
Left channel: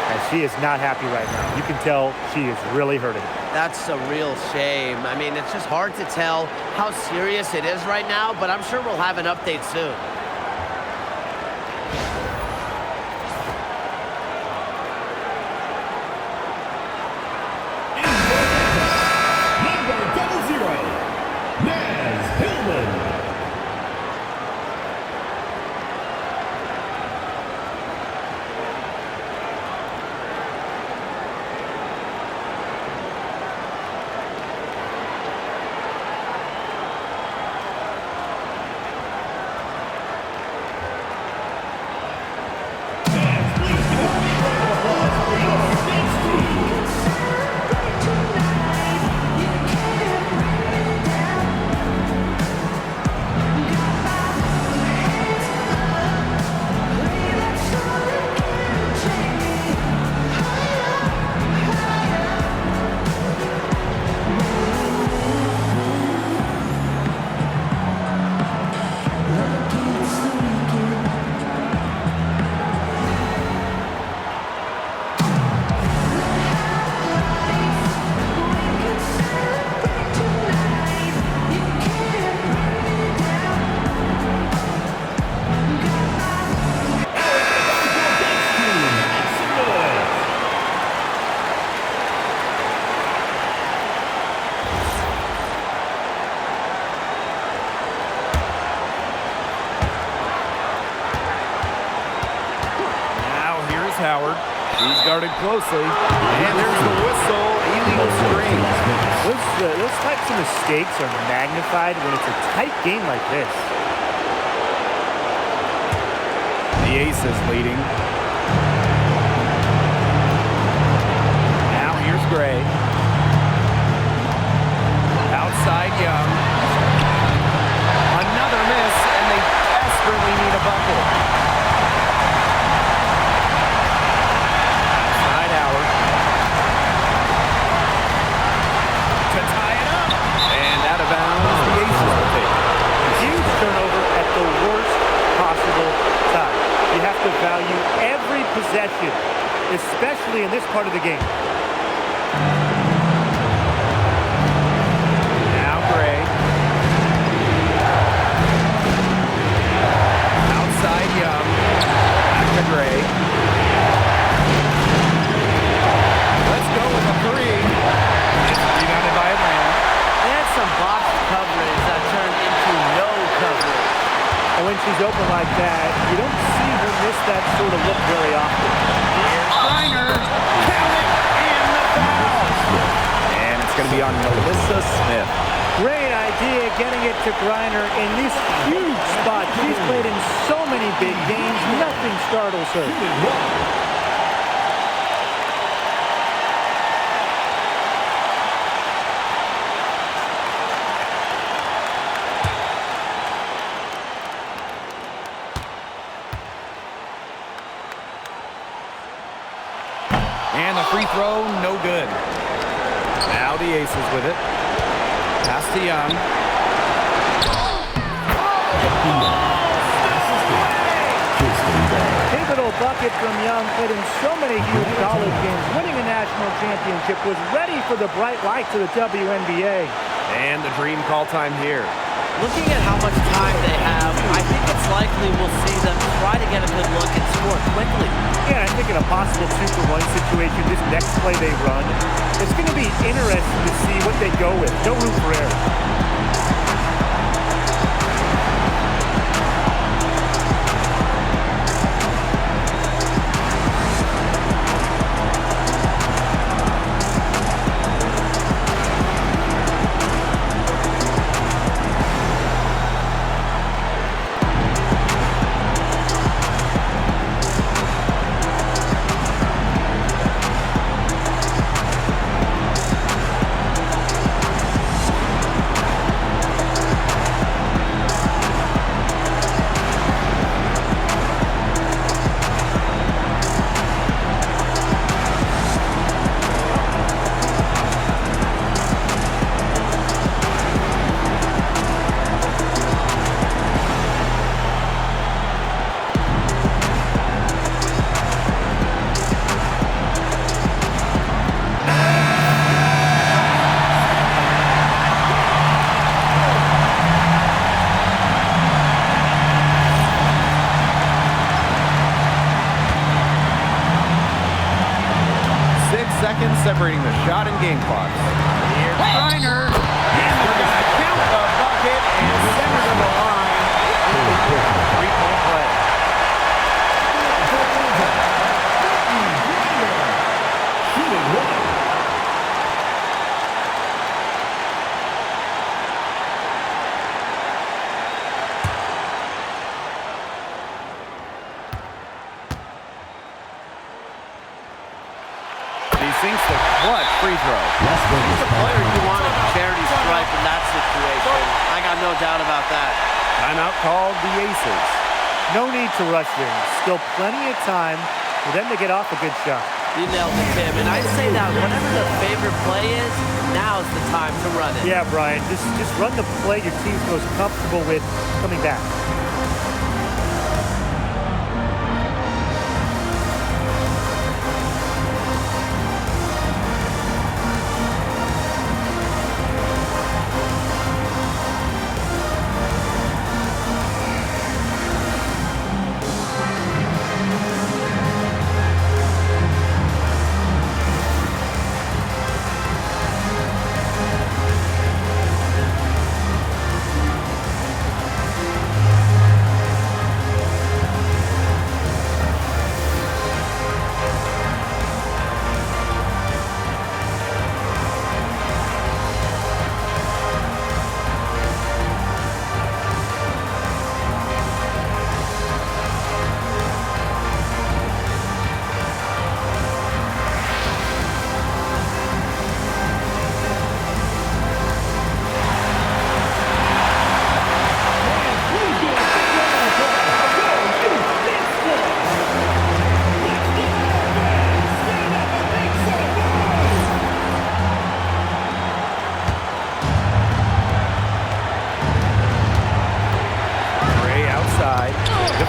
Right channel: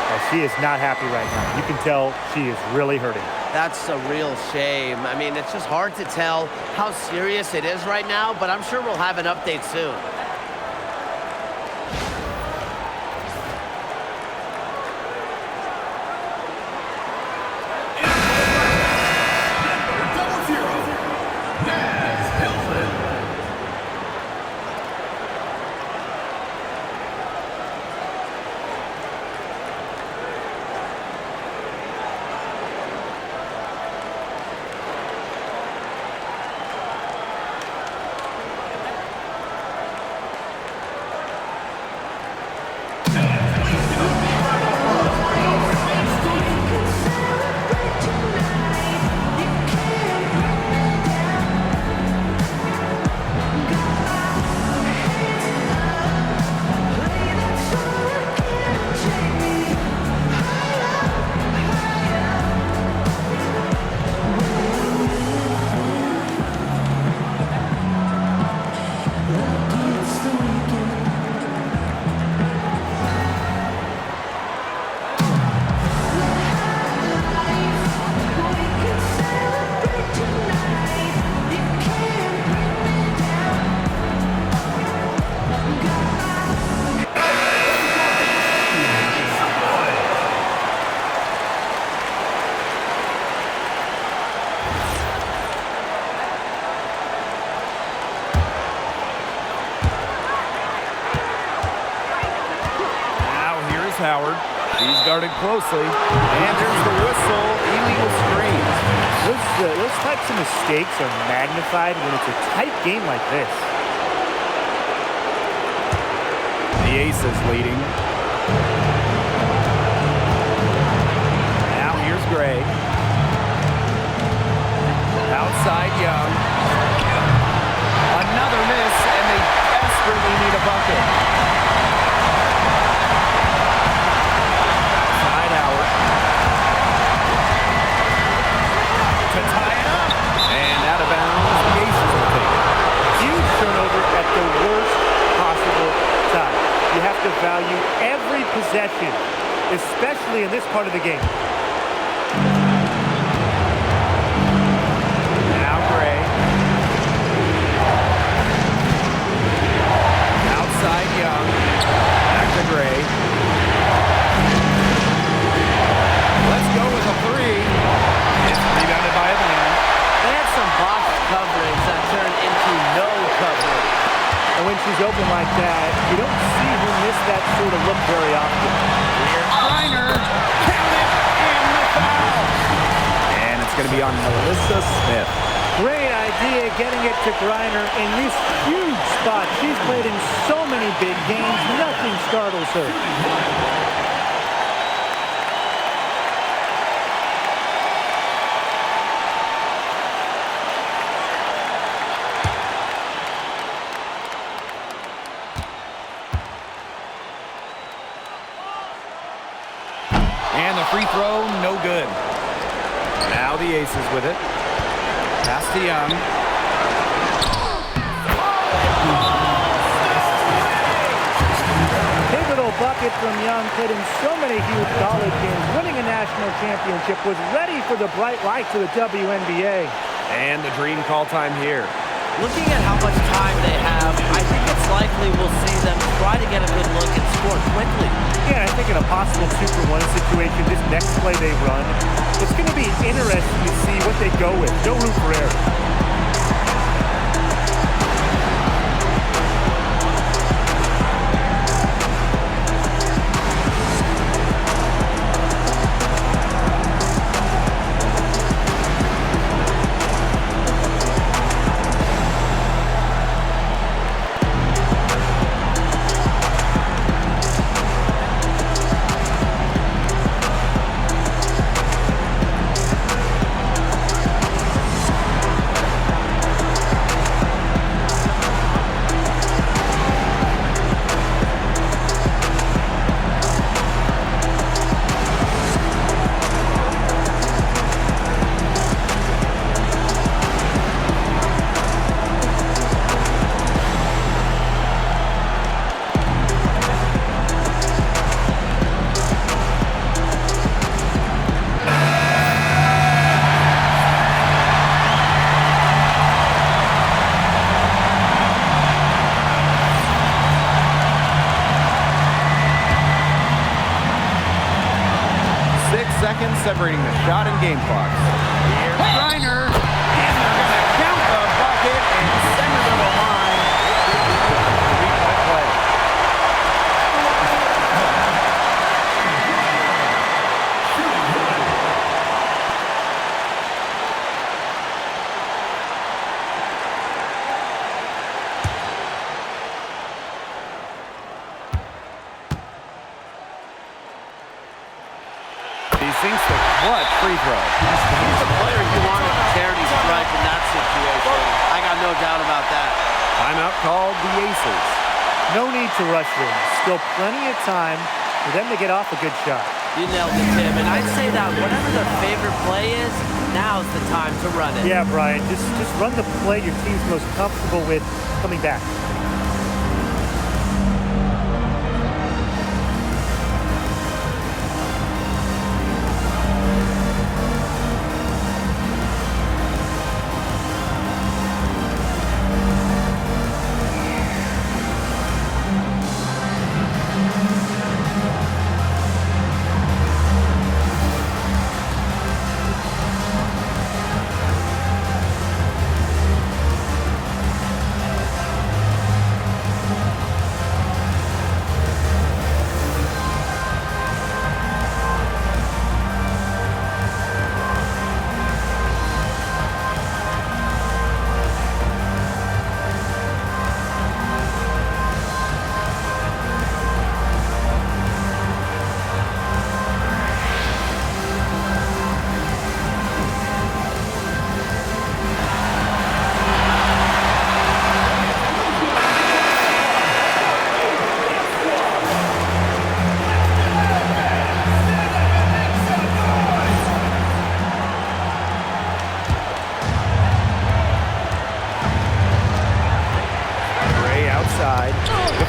And she is not happy right now. You can tell she is really hurting. That's a real shame. I mean, it's just hard to tell how serious it is right now, but I'm sure we'll have an update soon. Howard. She's guarded closely. And there's the whistle. Illegal screen. Those types of mistakes are magnified when it's a tight game like this. The Aces leading. Now here's Gray. Outside Young. Another miss, and they desperately need a bucket. Outside Howard. To tie it up. And out of bounds, the Aces will take it. Huge turnover at the worst possible time. You have to value every possession, especially in this part of the game. Now Gray. Outside Young. Back to Gray. Let's go with a three. It's rebounded by Atlanta. They had some box coverage that turned into no coverage. And when she's open like that, you don't see her miss that sort of look very often. Here's Griner. Count it, and the foul. And it's going to be on Melissa Smith. Great idea getting it to Griner in this huge spot. She's played in so many big games. Nothing startles her. And the free throw, no good. Now the Aces with it. Pass to Young. Pivotal bucket from Young, played in so many huge college games, winning a national championship, was ready for the bright lights of the WNBA. And the dream call time here. Looking at how much time they have, I think it's likely we'll see them try to get a good look and score quickly. Yeah, I think in a possible 2-for-1 situation, this next play they run, it's going to be interesting to see what they go with. No room for error. Seconds separating the shot and game clocks. Here's Griner, and they're going to count the bucket and send her to the line. It could be a three-point play. Shooting one. He sinks the clutch free throw. He's the player you want at the charity stripe in that situation. I got no doubt about that. Timeout called the Aces. No need to rush things. Still plenty of time for them to get off a good shot. You nailed it, Tim. And I'd say that whatever their favorite play is, now's the time to run it. Yeah, Brian, just run the play your team's most comfortable with coming back.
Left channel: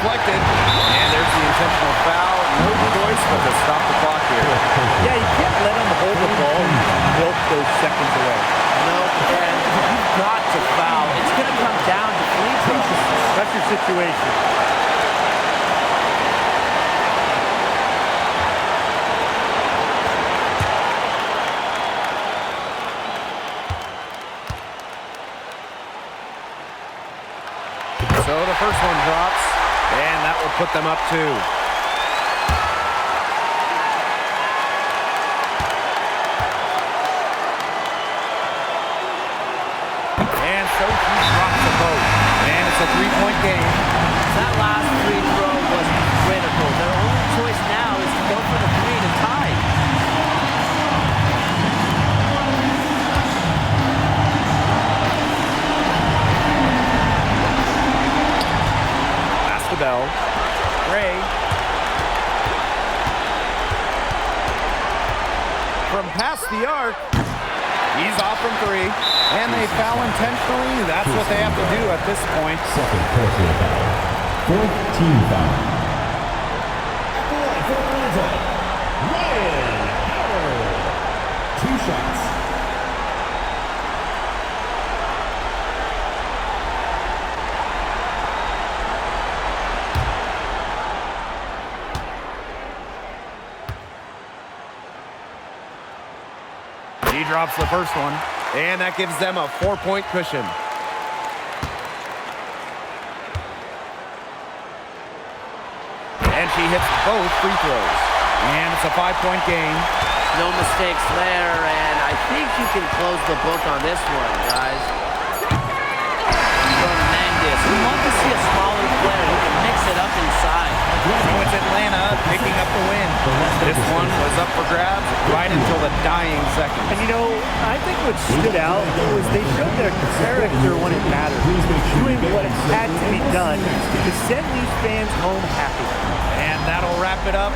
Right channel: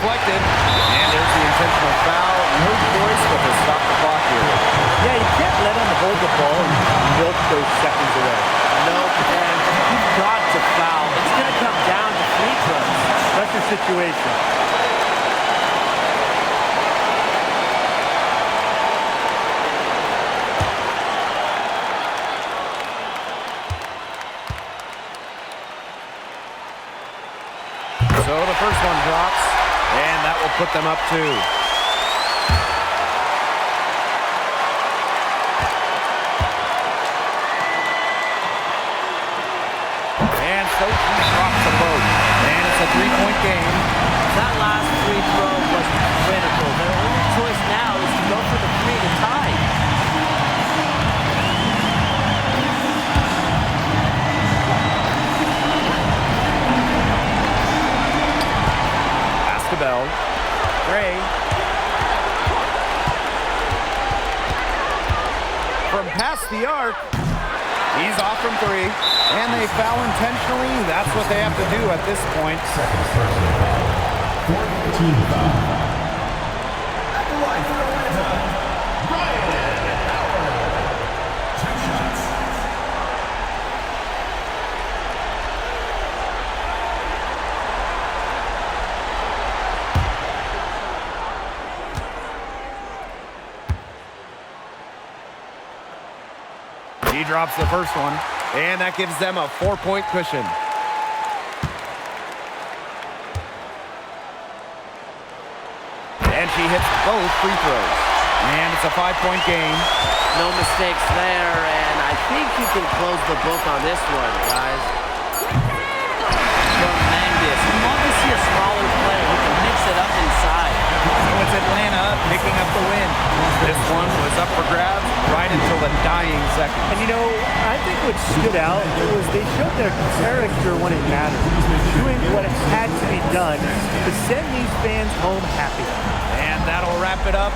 deflected. And there's the intentional foul. No choice but to stop the clock here. Yeah, you can't let them hold the ball and milk those seconds away. Nope, and you've got to foul. It's going to come down to free throws. Pressure situation. So the first one drops, and that will put them up 2. And so she drops a boat, and it's a 3-point game. That last free throw was critical. Their only choice now is to go for the 3 to tie. To Bell. Gray. From past the arc. He's off from 3. And they foul intentionally. That's what they have to do at this point. Second personal foul. Fourth team foul. At the line for Atlanta, Ryan Howard. 2 shots. He drops the first one, and that gives them a 4-point cushion. And she hits both free throws. And it's a 5-point game. No mistakes there, and I think you can close the book on this one, guys. Tremendous. We love to see a smaller player who can mix it up inside. So it's Atlanta picking up the win. This one was up for grabs right until the dying seconds. And you know, I think what stood out was they showed their character when it mattered, doing what had to be done to send these fans home happy. And that'll wrap it up.